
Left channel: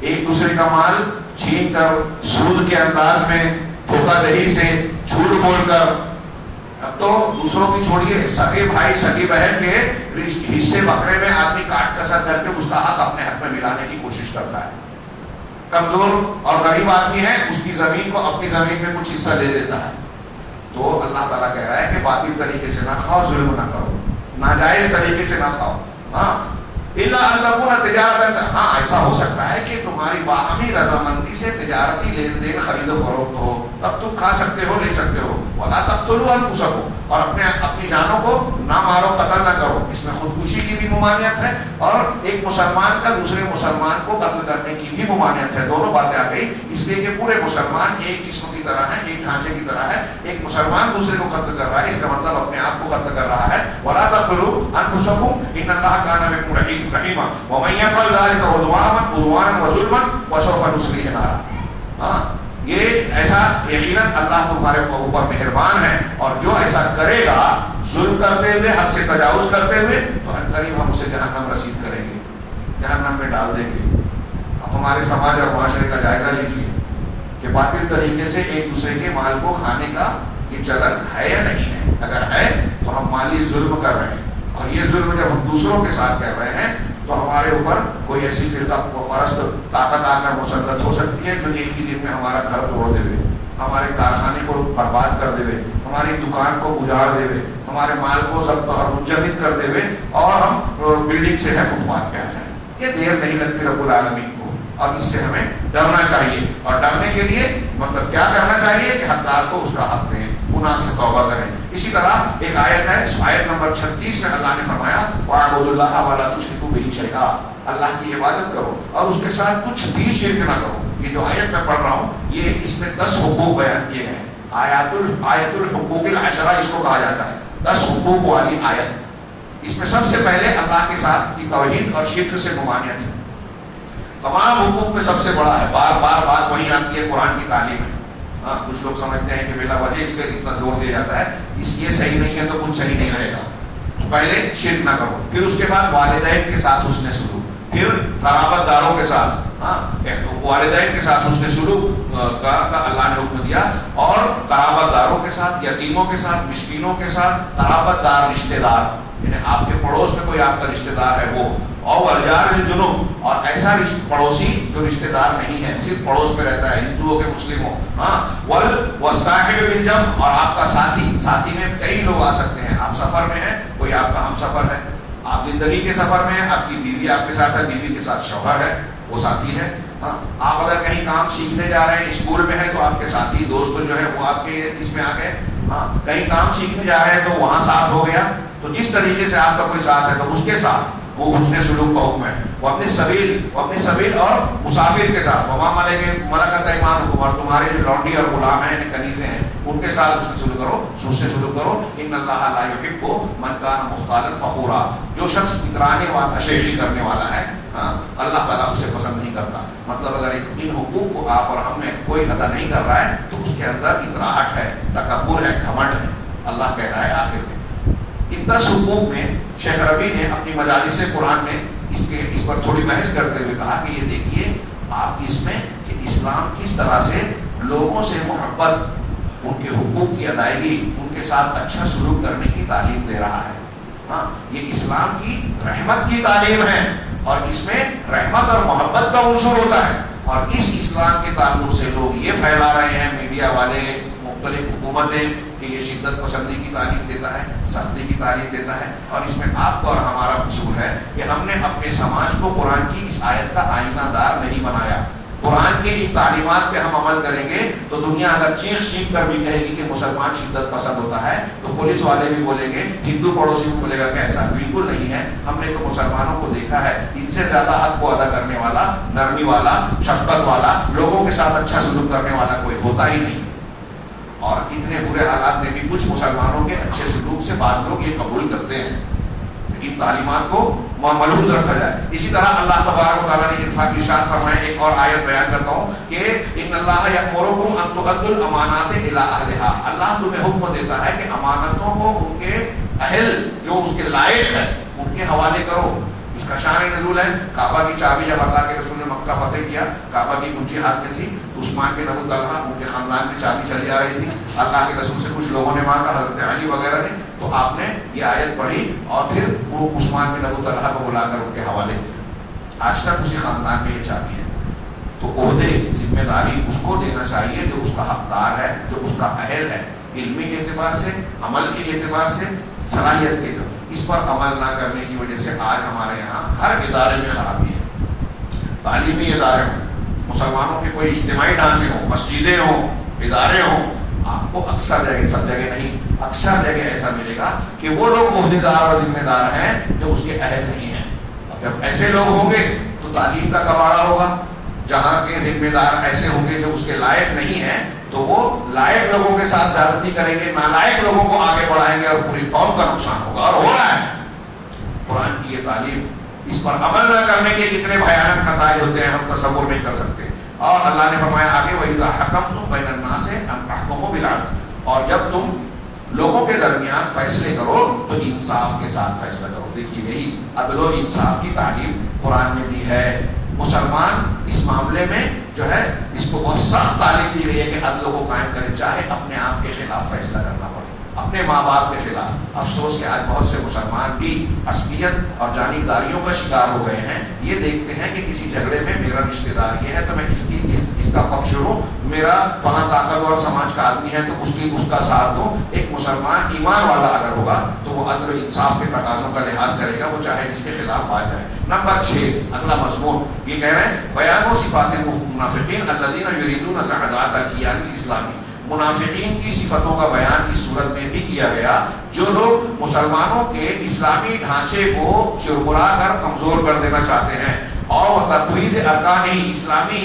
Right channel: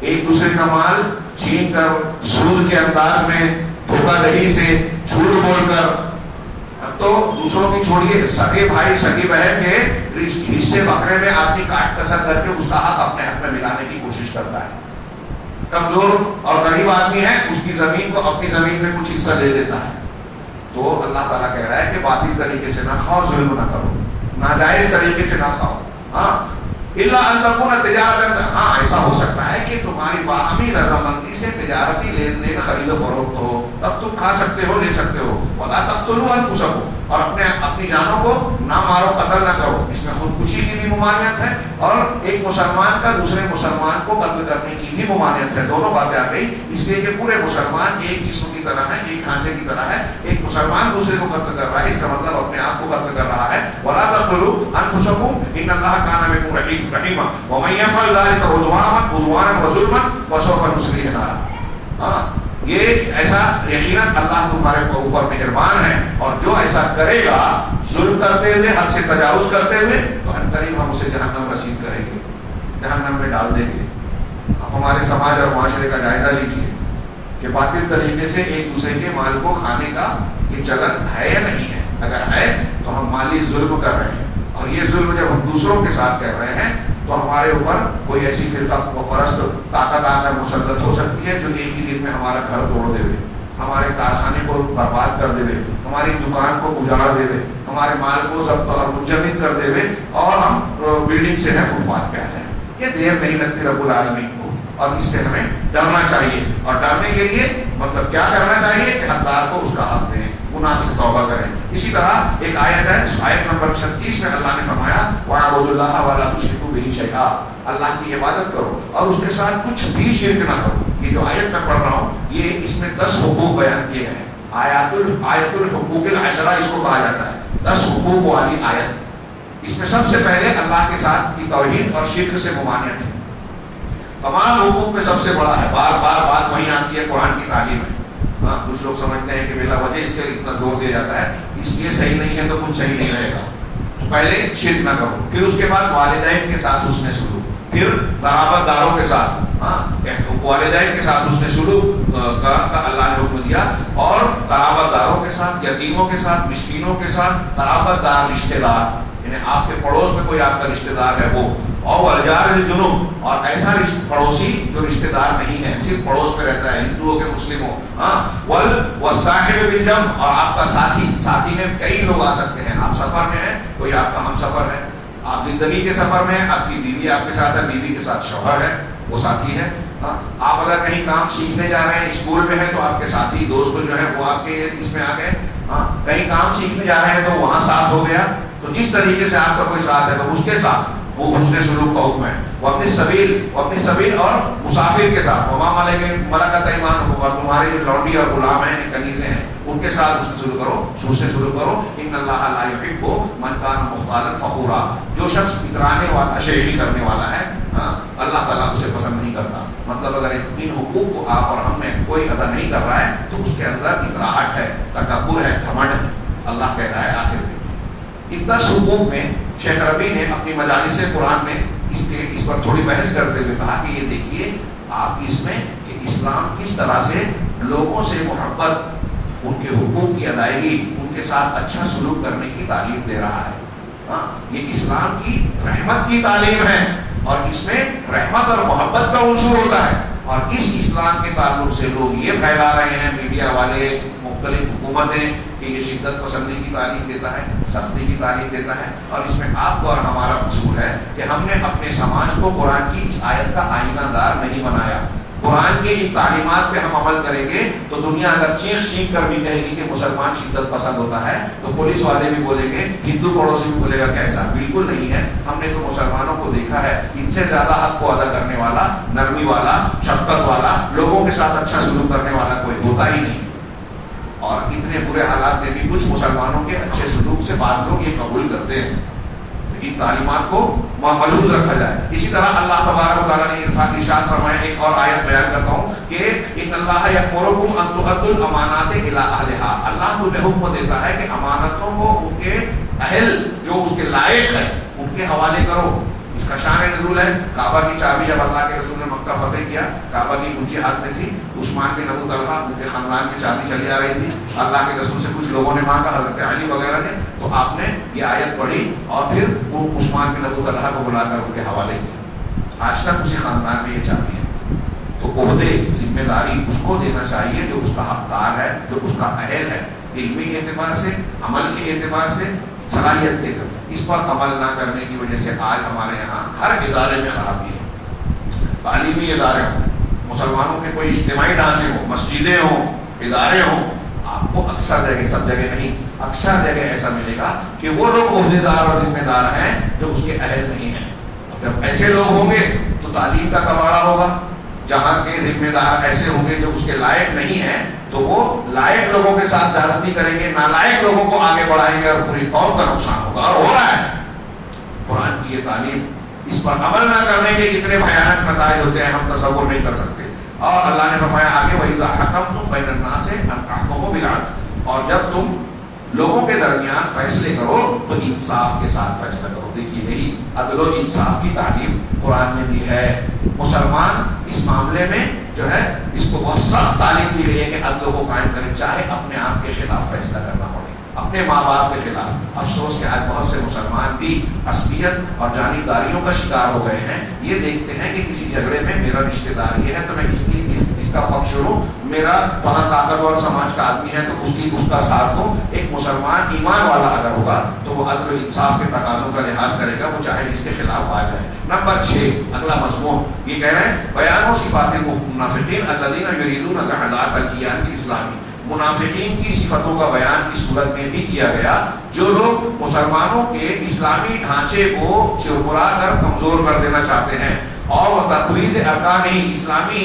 ایک دوسرے کا مال چھین کر, سود کے انداز میں, دھوکہ دہی سے, جھوٹ بول کر. اب تو دوسروں کی چھوڑیے, سگے بھائی سگی بہن کے حصے بکرے میں آدمی کاٹ کسر کر کے اس کا حق اپنے حق میں ملانے کی کوشش کرتا ہے. کمزور اور غریب آدمی ہے, اس کی زمین کو اپنی زمین میں کچھ حصہ دے دیتا ہے. تو اللہ تعالیٰ کہہ رہا ہے کہ باطل طریقے سے نہ کھاؤ, ظلم نہ کرو, ناجائز طریقے سے نہ کھاؤ. الا ان تکون تجارت, ہاں ایسا ہو سکتا ہے کہ تمہاری باہمی رضامندی سے تجارتی لین دین خرید و فروخت ہو, تب تم کھا سکتے ہو, لے سکتے ہو. ولا تقتلوا انفسکم, اور اپنی جانوں کو نہ مارو, قتل نہ کرو. اس میں خودکشی کی بھی ممانعت ہے اور ایک مسلمان کا دوسرے مسلمان کو قتل کرنے کی بھی ممانعت ہے. دونوں باتیں آ گئی, اس لیے کہ پورے مسلمان ایک جسم کی طرح ہے, ایک ڈھانچے کی طرح ہے. ایک مسلمان دوسرے کو قتل کر رہا ہے, اس کا مطلب اپنے آپ کو قتل کر رہا ہے. ولا تقتلوا انفسکم ان اللہ کان بکم رحیما ومن یفعل ذلک عدوانا وظلما فسوف نصلیہ نارا. یہ ایسا یقیناً اللہ تمہارے اوپر مہربان ہے, اور جو ایسا کرے گا ظلم کرتے ہوئے, حد سے تجاوز کرتے ہوئے, تو ان قریب ہم اسے جہنم رسید کریں گے, جہنم میں ڈال دیں گے. اب ہمارے سماج اور معاشرے کا جائزہ لیجیے کہ باطل طریقے سے ایک دوسرے کے مال کو کھانے کا یہ چلن ہے یا نہیں ہے. اگر ہے تو ہم مالی ظلم کر رہے ہیں, اور یہ ظلم جب ہم دوسروں کے ساتھ کر رہے ہیں تو ہمارے اوپر کوئی ایسی فرقہ پرست طاقت آ کر مسلط ہو سکتی ہے جو ایک ہی دن میں ہمارا گھر توڑ دے, ہمارے کارخانے کو برباد کر دے, ہماری دکان کو اجاڑ دے, ہمارے مال کو ضبط اور منجمد کر دے, اور ہم بلڈنگ سے ہے فٹ پاتھ پہ آ جائیں. یہ دیر نہیں لگتی رب العالمین کو, اور اس سے ہمیں ڈرنا چاہیے. اور ڈرنے کے لیے مطلب کیا کرنا چاہیے کہ حقدار کو اس کا حق دیں, گناہ سے توبہ کریں. اسی طرح ایک آیت ہے, آیت نمبر 36 میں اللہ نے فرمایا وَاعْبُدُوا اللَّهَ وَلَا تُشْرِكُوا بِهِ شَيْئًا, اللہ کی عبادت کرو اور اس کے ساتھ کچھ بھی شرک نہ کرو. یہ جو آیت میں پڑھ رہا ہوں یہ اس میں 10 حقوق بیان کیے ہیں. آیت الحقوق العشرہ اس کو کہا جاتا ہے, 10 حقوق والی آیت. اس میں سب سے پہلے اللہ کے ساتھ کی توحید اور شرک سے ممانعت ہے. تمام حقوق میں سب سے بڑا ہے, بار بار بات وہیں آتی ہے قرآن کی تعلیم میں. کچھ لوگ سمجھتے ہیں کہ بلا وجہ اس پہ اتنا زور دیا جاتا ہے, اس لیے صحیح نہیں ہے تو کچھ صحیح نہیں رہے گا. تو پہلے شرک نہ کرو, پھر اس کے بعد والدین کے ساتھ حسن سلوک, پھر قرابت داروں کے ساتھ, والدین کے ساتھ حسن سلوک کا اللہ نے حکم دیا, اور قرابت داروں کے ساتھ, یتیموں کے ساتھ, مسکینوں کے ساتھ, قرابت دار رشتہ دار, یعنی آپ کے پڑوس میں کوئی آپ کا رشتہ دار ہے وہ, اور والجار بالجنوب, اور ایسا پڑوسی جو رشتہ دار نہیں ہے, صرف پڑوس میں رہتا ہے, ہندوؤں کے مسلموں. والصاحب بالجنب, اور آپ کا ساتھی, ساتھی میں کئی لوگ آ سکتے ہیں. آپ سفر میں ہیں, کوئی آپ کا ہم سفر ہے, آپ زندگی کے سفر میں ہیں, آپ کی بیوی آپ کے ساتھ ہے, بیوی کے ساتھ شوہر ہے, وہ ساتھی ہے. آپ اگر کہیں کام سیکھنے جا رہے ہیں, اسکول میں ہیں, تو آپ کے ساتھی دوست جو ہے وہ آپ کے اس میں آ گئے. کہیں کام سیکھنے جا رہے ہیں تو وہاں ساتھ ہو گیا. تو جس طریقے سے آپ کا کوئی ساتھ ہے تو اس کے ساتھ وہ حسن سلوک کا حکم ہے. وہ اپنی سبیل اور مسافر کے ساتھ, ملکۃ ایمانکم, اور تمہارے جو لونڈی اور غلام ہیں, کنیزیں ہیں, ان کے ساتھ حسن سلوک کرو. ان اللہ لا یحب من کان مختالا فخورا, جو شخص اترانے والا, شیخی کرنے والا ہے, اللہ تعالیٰ اسے پسند نہیں کرتا. مطلب اگر ان حقوق کو آپ اور ہم میں کوئی ادا نہیں کر رہا ہے تو اس کے اندر اتراہٹ ہے, تکبر ہے, گھمنڈ ہے. اللہ کہہ رہا ہے آخر میں ان 10 حقوق میں شیخ ربی نے اپنی مجالس قرآن میں اس پر تھوڑی بحث کرتے ہوئے کہا کہ یہ دیکھیے آپ اس میں کہ اسلام کس طرح سے لوگوں سے محبت, ان کے حقوق کی ادائیگی, ان کے ساتھ اچھا سلوک کرنے کی تعلیم دے رہا ہے. یہ اسلام کی رحمت کی تعلیم ہے, اور اس میں رحمت اور محبت کا عنصر ہوتا ہے. اور اس اسلام کے تعلق سے لوگ یہ پھیلا رہے ہیں, میڈیا والے, مختلف حکومتیں, کہ یہ شدت پسندی کی تعلیم دیتا ہے, سختی کی تعلیم دیتا ہے. اور اس میں آپ کو اور ہمارا قصور ہے کہ ہم نے اپنے سماج کو قرآن کی اس آیت کا آئینہ دار نہیں بنایا. قرآن کی ان تعلیمات پہ ہم عمل کریں گے تو دنیا اگر چینخ چینخ کر بھی کہے گی کہ مسلمان شدت پسند ہوتا ہے تو پولیس والے بھی بولیں گے، ہندو پڑوسی بھی بولے گا کہ ایسا بالکل نہیں ہے، ہم نے تو مسلمانوں کو دیکھا ہے ان سے زیادہ حق کو ادا کرنے والا، نرمی والا، شفقت والا، لوگوں کے ساتھ اچھا سلوک کرنے والا کوئی ہوتا ہی نہیں ہے۔ اور اتنے برے حالات میں بھی کچھ مسلمانوں کے اچھے سلوک سے بعض لوگ یہ قبول کرتے ہیں، لیکن تعلیمات کو ملحوظ رکھا جائے۔ اسی طرح اللہ تبارک و تعالیٰ نے ارشاد فرمایا، ایک اور آیت بیان کرتا ہوں کہ ان اللہ یأمرکم ان تؤدوا الامانات الی اہلها، اللہ تمہیں حکم دیتا ہے کہ امانتوں کو ان کے اہل جو اس کے لائق ہے ان کے حوالے کرو۔ اس کا شان نزول ہے، کعبہ کی چابی جب اللہ کے رسول نے مکہ فتح کیا، کعبہ کی کنجی ہاتھ میں تھی، عثمان بن ابو طلحہ ان کے خاندان کی چابی چلی آ رہی تھی، اللہ کے رسول سے کچھ لوگوں نے مانگا، حضرت علی وغیرہ نے، تو آپ نے یہ آیت پڑھی اور پھر وہ عثمان بن ابو طلحہ کو بلا کر ان کے حوالے کیا۔ آج تک اسی خاندان میں یہ چابی ہے، تو عہدے ذمہ داری اس کو دینا چاہیے جو اس کا حقدار ہے، جو اس کا اہل ہے، علمی اعتبار سے، عمل کے اعتبار سے، صلاحیت کے اعتبار۔ اس پر عمل نہ کرنے کی وجہ سے آج ہمارے یہاں ہر ادارے میں خرابی ہے، تعلیمی ادارے ہوں، مسلمانوں کے کوئی اجتماعی ڈھانچے ہوں، مسجدیں ہوں، ادارے ہوں، آپ کو اکثر جگہ، سب جگہ نہیں، اکثر جگہ ایسا ملے گا کہ وہ لوگ عہدیدار اور ذمہ دار ہیں جو اس کے اہل نہیں ہیں۔ اگر ایسے لوگ ہوں گے تو تعلیم کا کباڑا ہوگا، جہاں کے ذمہ دار ایسے ہوں گے جو اس کے لائق نہیں ہیں تو وہ لائق لوگوں کے ساتھ زیادتی کریں گے، نالائق لوگوں کو آگے بڑھائیں گے اور پوری قوم کا نقصان ہوگا، اور ہو رہا ہے۔ قرآن کی یہ تعلیم، اس پر عمل نہ کرنے کے کتنے بھیانک نتائج ہوتے ہیں ہم تصور نہیں کر سکتے۔ اور اللہ نے فرمایا آگے، وَإِذَا حَكَمْتُمْ بَيْنَ النَّاسِ أَنْ تَحْكُمُوا بِالْعَدْلِ، اور جب تم لوگوں کے درمیان فیصلے کرو تو انصاف کے ساتھ فیصلہ کرو۔ دیکھیے یہی عدل و انصاف کی تعلیم قرآن میں دی ہے۔ مسلمان اس معاملے میں جو ہے اس کو بہت سخت تعلیم دی گئی ہے کہ عدل کو قائم کرے، چاہے اپنے آپ کے خلاف فیصلہ کرنا پڑے، اپنے ماں باپ کے خلاف۔ افسوس کہ آج بہت سے مسلمان بھی عصبیت اور جانبداریوں کا شکار ہو گئے ہیں، یہ دیکھتے ہیں کہ کسی جھگڑے میں میرا رشتہ دار یہ ہے تو میں اس کا پکش لوں، میرا فلاں طاقتور سماج کا آدمی ہے تو اس کا ساتھ دوں۔ ایک مسلمان ایمان والا اگر ہوگا تو وہ عدل و انصاف کے تقاضوں کا لحاظ کرے گا، وہ چاہے جس کے خلاف آ جائے۔ نمبر 6 اگلا مضمون یہ کہہ رہے ہیں، بیان صفات المنافقین الذین یریدون زعزعة الکیان الاسلامی، منافقین کی صفتوں کا بیان اس صورت میں بھی کیا گیا جو لوگ مسلمانوں کے اسلامی ڈھانچے کو چرمرا کر کمزور کر دینا چاہتے ہیں اور تطویز ارکان اسلامی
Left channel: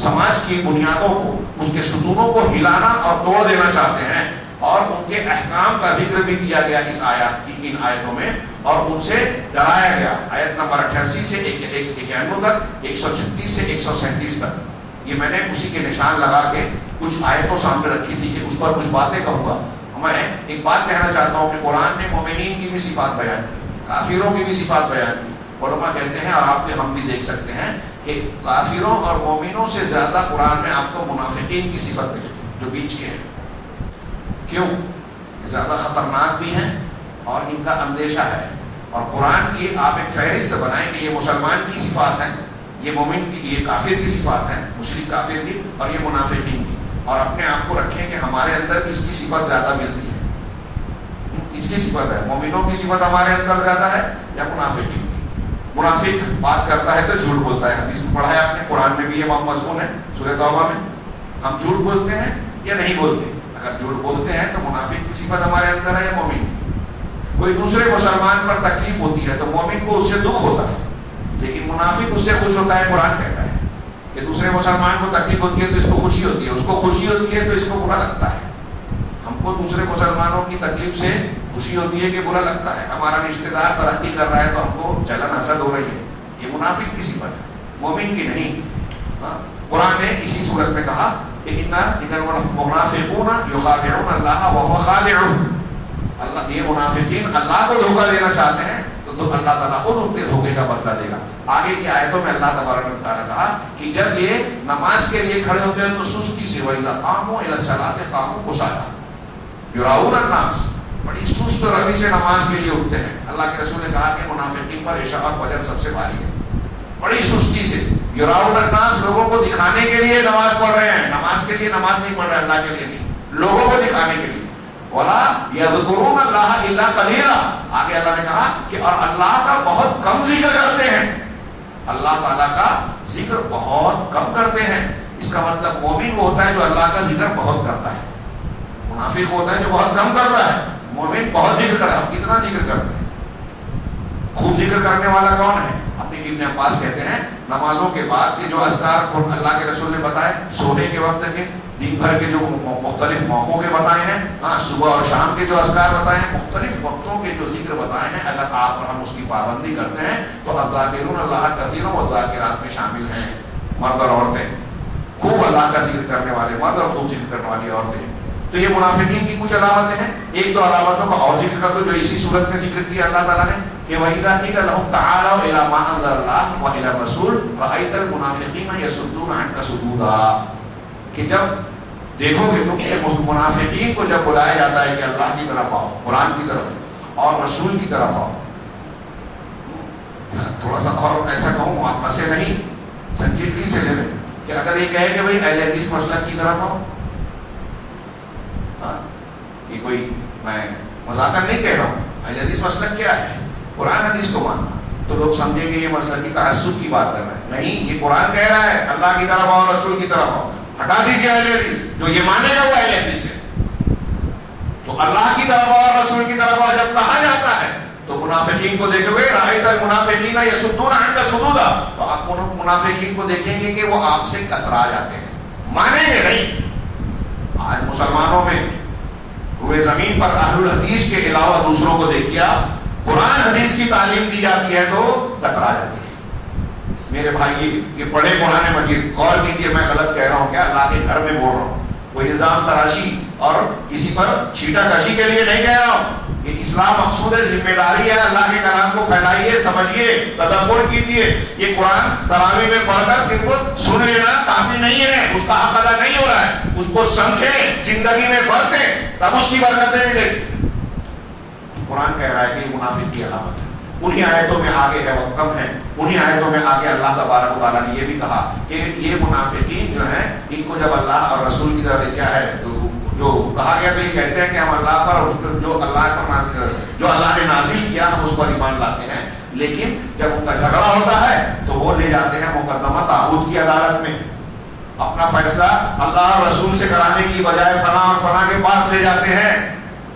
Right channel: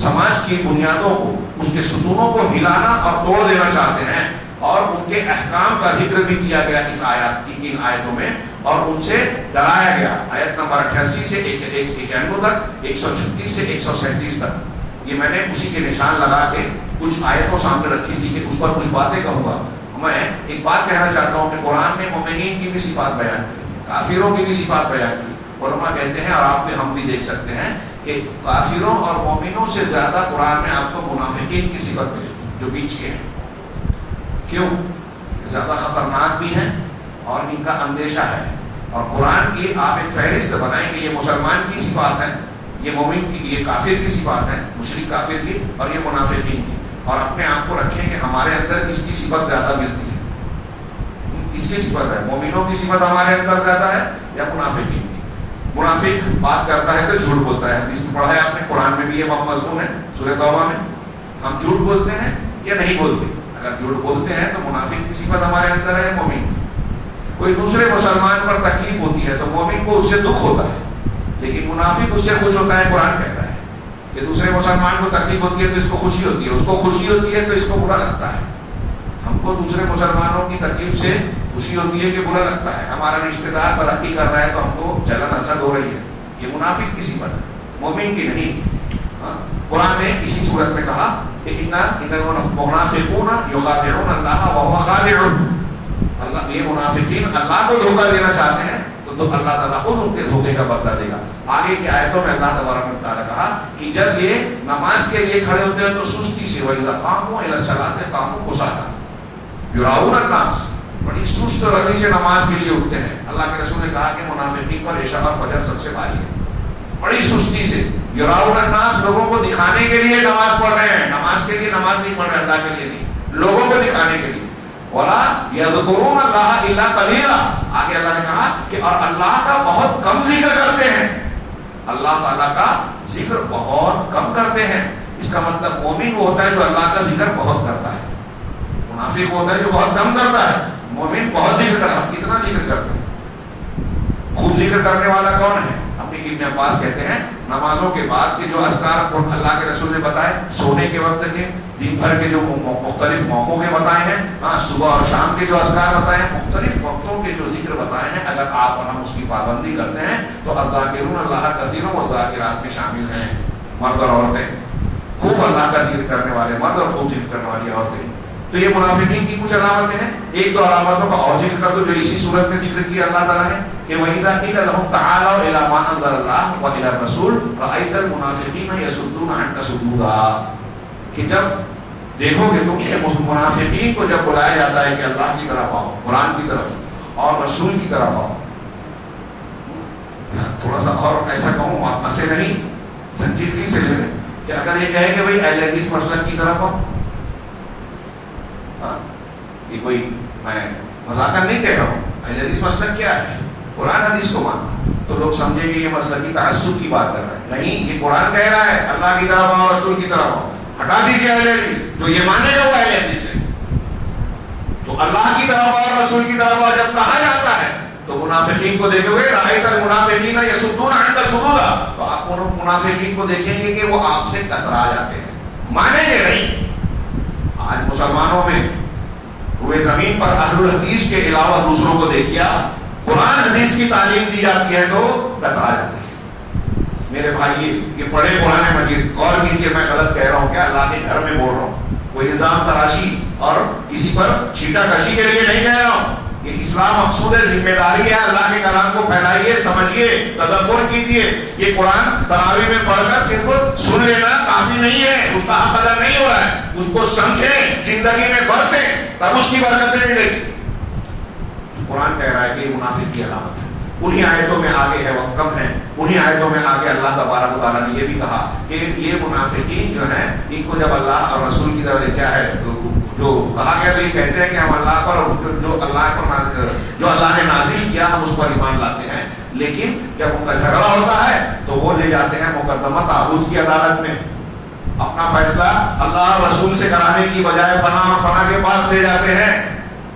سماج کی بنیادوں کو، اس کے ستونوں کو ہلانا اور توڑ دینا چاہتے ہیں، اور ان کے احکام کا ذکر بھی کیا گیا اس آیات کی، ان آیتوں میں، اور ان سے ڈرایا گیا۔ آیت نمبر 88 سے 91 تک، 136 سے 137 تک، یہ میں نے اسی کے نشان لگا کے کچھ آیتوں سامنے رکھی تھی کہ اس پر کچھ باتیں کہوں گا۔ میں ایک بات کہنا چاہتا ہوں کہ قرآن نے مومنین کی بھی صفات بیان کی، کافروں کی بھی صفات بیان کی۔ علماء کہتے ہیں اور آپ بھی ہم بھی دیکھ سکتے ہیں کہ کافروں اور مومنوں سے زیادہ قرآن میں آپ کو منافقین کی صفت ملے گی جو بیچ کے ہیں۔ کیوں؟ زیادہ خطرناک بھی ہیں اور ان کا اندیشہ ہے، اور قرآن کی آپ ایک فہرست بنائیں کہ یہ مسلمان کی صفات ہیں، یہ مومن کی، یہ کافر کی صفات ہیں، مشرک کافر کی اور یہ منافقین کی، اور اپنے آپ کو رکھیں کہ ہمارے اندر کس کی صفت زیادہ ملتی ہے، کس کی صفت ہے، مومنوں کی صفت ہمارے اندر زیادہ ہے یا منافقین کی؟ منافق بات کرتا ہے تو جھوٹ بولتا ہے، حدیث میں پڑھا ہے آپ نے، قرآن میں بھی یہ مضمون ہے سورہ توبہ میں۔ ہم جھوٹ بولتے ہیں یا نہیں بولتے؟ اگر جھوٹ بولتے ہیں تو منافق کی صفت ہمارے اندر ہے یا مومن کی؟ کوئی دوسرے مسلمان پر تکلیف ہوتی ہے تو مومن کو اس سے دکھ ہوتا ہے، لیکن منافق اس سے خوش ہوتا ہے۔ قرآن کہتا ہے کہ دوسرے مسلمان کو تکلیف ہوتی ہے تو اس کو خوشی ہوتی ہے، اس کو خوشی ہوتی ہے تو اس کو برا لگتا ہے۔ ہم کو دوسرے مسلمانوں کی تکلیف سے خوشی ہوتی ہے کہ برا لگتا ہے، ہمارا رشتہ دار ترقی کر رہا ہے تو ہم کو جلن حسد ہو رہی ہے۔ یہ منافق کی صفت ہے، مومن کی نہیں۔ قرآن نے اسی صورت میں کہا کہ ان المنافقون یخادعون اللہ وهو خادعهم، اللہ یہ منافقین اللہ کو دھوکہ دینا چاہتے ہیں تو اللہ تعالیٰ خود ان کے دھوکے کا بدلہ دے گا۔ آگے کی آیتوں میں اللہ تبارک و تعالیٰ نے کہا کہ جب یہ نماز کے لیے کھڑے ہوتے ہیں تو سستی سے، وَإِذَا قَامُوا إِلَى الصَّلَاةِ قَامُوا كُسَالَىٰ يُرَاءُونَ النَّاسَ، بڑی سست روی سے نماز کے لیے اٹھتے ہیں۔ اللہ کے رسول نے کہا کہ منافقین پر عشاء اور فجر سب سے بھاری ہے، بڑی سستی سے۔ یراؤن الناس، لوگوں کو دکھانے کے لیے نماز پڑھ رہے ہیں، نماز کے لیے نماز نہیں پڑھ رہے ہیں، اللہ کے لیے نہیں، لوگوں کو دکھانے کے لیے۔ وَلَا يَذْكُرُونَ اللَّهَ إِلَّا قَلِيلًا، آگے اللہ نے کہا کہ اور اللہ کا بہت کم ذکر کرتے ہیں، اللہ تعالیٰ کا ذکر بہت کم کرتے ہیں. اس کا مطلب مومن وہ ہوتا ہے جو اللہ کا ذکر بہت کرتا ہے. منافق ہوتا ہے جو بہت کم کرتا ہے. مومن بہت ذکر کرتا ہے. کتنا ذکر کرتے ہیں؟ خوب ذکر کرنے والا کون ہے؟ اپنے ابن عباس کہتے ہیں نمازوں کے بعد کے جو اذکار اللہ کے رسول نے بتائے، سونے کے وقت کے، دن بھر کے جو مختلف موقعوں کے بتائے ہیں، صبح اور شام کے جو اذکار بتائے ہیں، مختلف وقتوں کے جو ذکر بتائے ہیں، اگر آپ اور ہم اس کی پابندی کرتے ہیں تو الذاکرون اللہ کثیر والذاکرات میں شامل ہیں. مرد اور عورتیں، خوب اللہ کا ذکر کرنے والے مرد اور خوب ذکر کرنے والی عورتیں. تو یہ منافقین کی کچھ علامتیں ہیں. ایک دو علامتوں کا اور ذکر کر دو جو اسی صورت میں ذکر کیا اللہ تعالیٰ نے کہ وَإِذَا قِيلَ لَهُمْ تَعَالَوْا إِلَىٰ مَا أَنزَلَ اللَّهُ وَإِلَى الرَّسُولِ رَأَيْتَ الْمُنَافِقِينَ يَصُدُّونَ عَنكَ صُدُودًا. کہ جب دیکھو گے تم منافقین کو جب بلایا جاتا ہے کہ اللہ کی طرف آؤ، قرآن کی طرف اور رسول کی طرف آؤ. تھوڑا سا اور ایسا کہوں، آپ ہنسے نہیں، سنجیدگی سے لے لیں کہ اگر یہ کہے کہ بھائی اہل حدیث مسلک کی طرف آؤ، یہ کوئی میں مذاکر نہیں کہہ رہا ہوں، اہل حدیث مسلک کیا ہے؟ قرآن حدیث کو ماننا. تو لوگ سمجھیں گے یہ مسلکی تعصب کی بات کر رہا ہے. نہیں، یہ قرآن کہہ رہا ہے اللہ کی طرف آؤ، رسول کی طرف آؤ. ہٹا دیجیے اہل حدیث، جو یہ مانے گا وہ اہل حدیث ہے. تو اللہ کی طرف آؤ، رسول کی طرف آؤ جب کہا جاتا ہے تو منافقین کو دیکھو گے رأیت المنافقین یصدون عنک صدودا، تو آپ منافقین کو دیکھیں گے کہ وہ آپ سے کترا جاتے ہیں، مانیں گے نہیں. آج مسلمانوں میں روئے زمین پر اہل الحدیث کے علاوہ دوسروں کو دیکھیا قرآن حدیث کی تعلیم دی جاتی ہے تو کترا جاتے ہیں. میرے بھائی یہ پڑھے قرآن مجید، غور کیجیے میں غلط کہہ رہا ہوں کیا؟ اللہ کے گھر میں بول رہا ہوں، کوئی الزام تراشی اور کسی پر چھیٹا کشی کے لیے نہیں کہہ رہا ہوں. یہ اسلام مقصود ہے، ذمہ داری ہے. اللہ کے کلام کو پھیلائیے، سمجھیے، تدبر کیجیے. یہ قرآن تراویح میں پڑھ کر صرف سن لینا کافی نہیں ہے، اس کا حق ادا نہیں ہو رہا ہے. اس کو سمجھیں، زندگی میں برتیں، تب اس کی برکتیں ملیں گی. قرآن کہہ رہا ہے کہ یہ منافق کی علامت ہے. انہی آیتوں میں آگے ہے، وقت کم ہے، انہی آیتوں میں آگے اللہ تبارک و تعالیٰ نے یہ بھی کہا کہ یہ منافقین جو ہیں ان کو جب اللہ اور رسول کی طرف کیا ہے جو کہا گیا تو یہ کہتے ہیں کہ ہم اللہ پر جو اللہ نے نازل کیا ہم اس پر ایمان لاتے ہیں. لیکن جب ان کا جھگڑا ہوتا ہے تو وہ لے جاتے ہیں مقدمہ طاغوت کی عدالت میں. اپنا فیصلہ اللہ اور رسول سے کرانے کی بجائے فلاں اور فلاں کے پاس لے جاتے ہیں،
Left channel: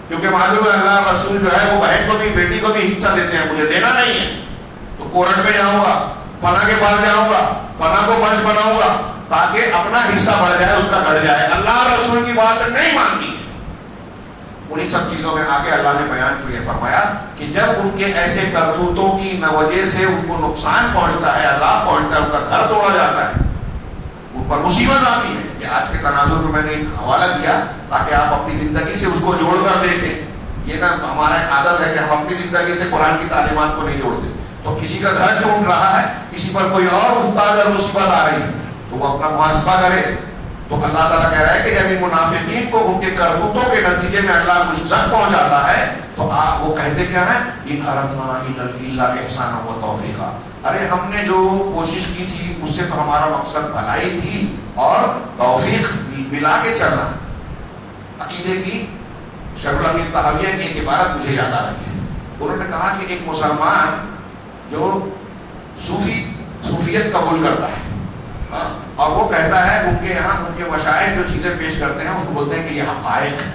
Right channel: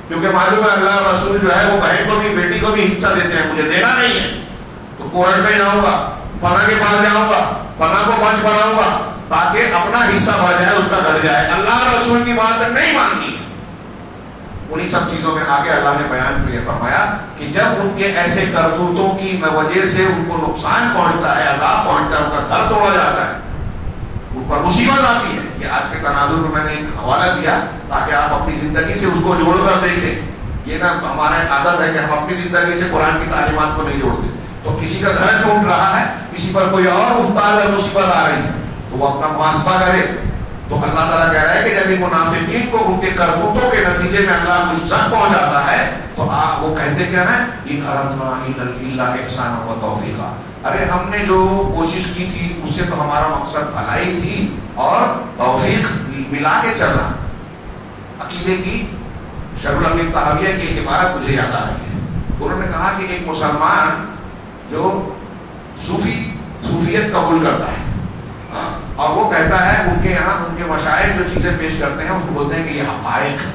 کیونکہ معلوم ہے اللہ اور رسول جو ہے وہ بہن کو بھی بیٹی کو بھی حصہ دیتے ہیں، مجھے دینا نہیں ہے تو کورٹ میں جاؤں گا، فلاں کے پاس جاؤں گا، فلاں کو پنچ بناؤں گا تاکہ اپنا حصہ بڑھ جائے، اس کا گھر جائے. اللہ اور رسول کی بات نہیں ماننی ہے. انہی سب چیزوں میں آگے اللہ نے بیان یہ فرمایا کہ جب ان کے ایسے کرتوتوں کی وجہ سے ان کو نقصان پہنچتا ہے، عذاب پہنچتا ہے، ان کا گھر توڑا جاتا ہے، اوپر مصیبت آتی ہے. کہ آج کے تناظر میں نے ایک حوالہ دیا تاکہ آپ اپنی زندگی سے اس کو جوڑ کر دیکھیں. یہ نا ہمارا عادت ہے کہ ہم اپنی زندگی سے قرآن کی تعلیمات کو نہیں جوڑتے. تو کسی کا گھر ٹوٹ رہا ہے، کسی پر کوئی اور مفتاج اور مصیبت آ رہی ہے تو وہ اپنا محاسبہ کرے. تو اللہ تعالیٰ کہہ رہا ہے کہ جب ان منافقین کو ان کے کرتوتوں کے نتیجے میں اللہ کو زد پہنچاتا ہے تو وہ کہتے کیا ہیں؟ ان اردنا الا احسانا و توفیقا. ارے ہم نے جو کوشش کی تھی اس سے تو ہمارا مقصد بھلائی تھی اور توفیق ملا کے چلنا. عقیدے کی شبرم تحویہ کی ایک عبارت مجھے یاد آ رہی ہے. انہوں نے کہا کہ ایک مسلمان جو صوفیت قبول کرتا ہے اور وہ کہتا ہے ان کے یہاں ان کے مشائخ جو چیزیں پیش کرتے ہیں اس کو بولتے ہیں کہ یہ حقائق ہے.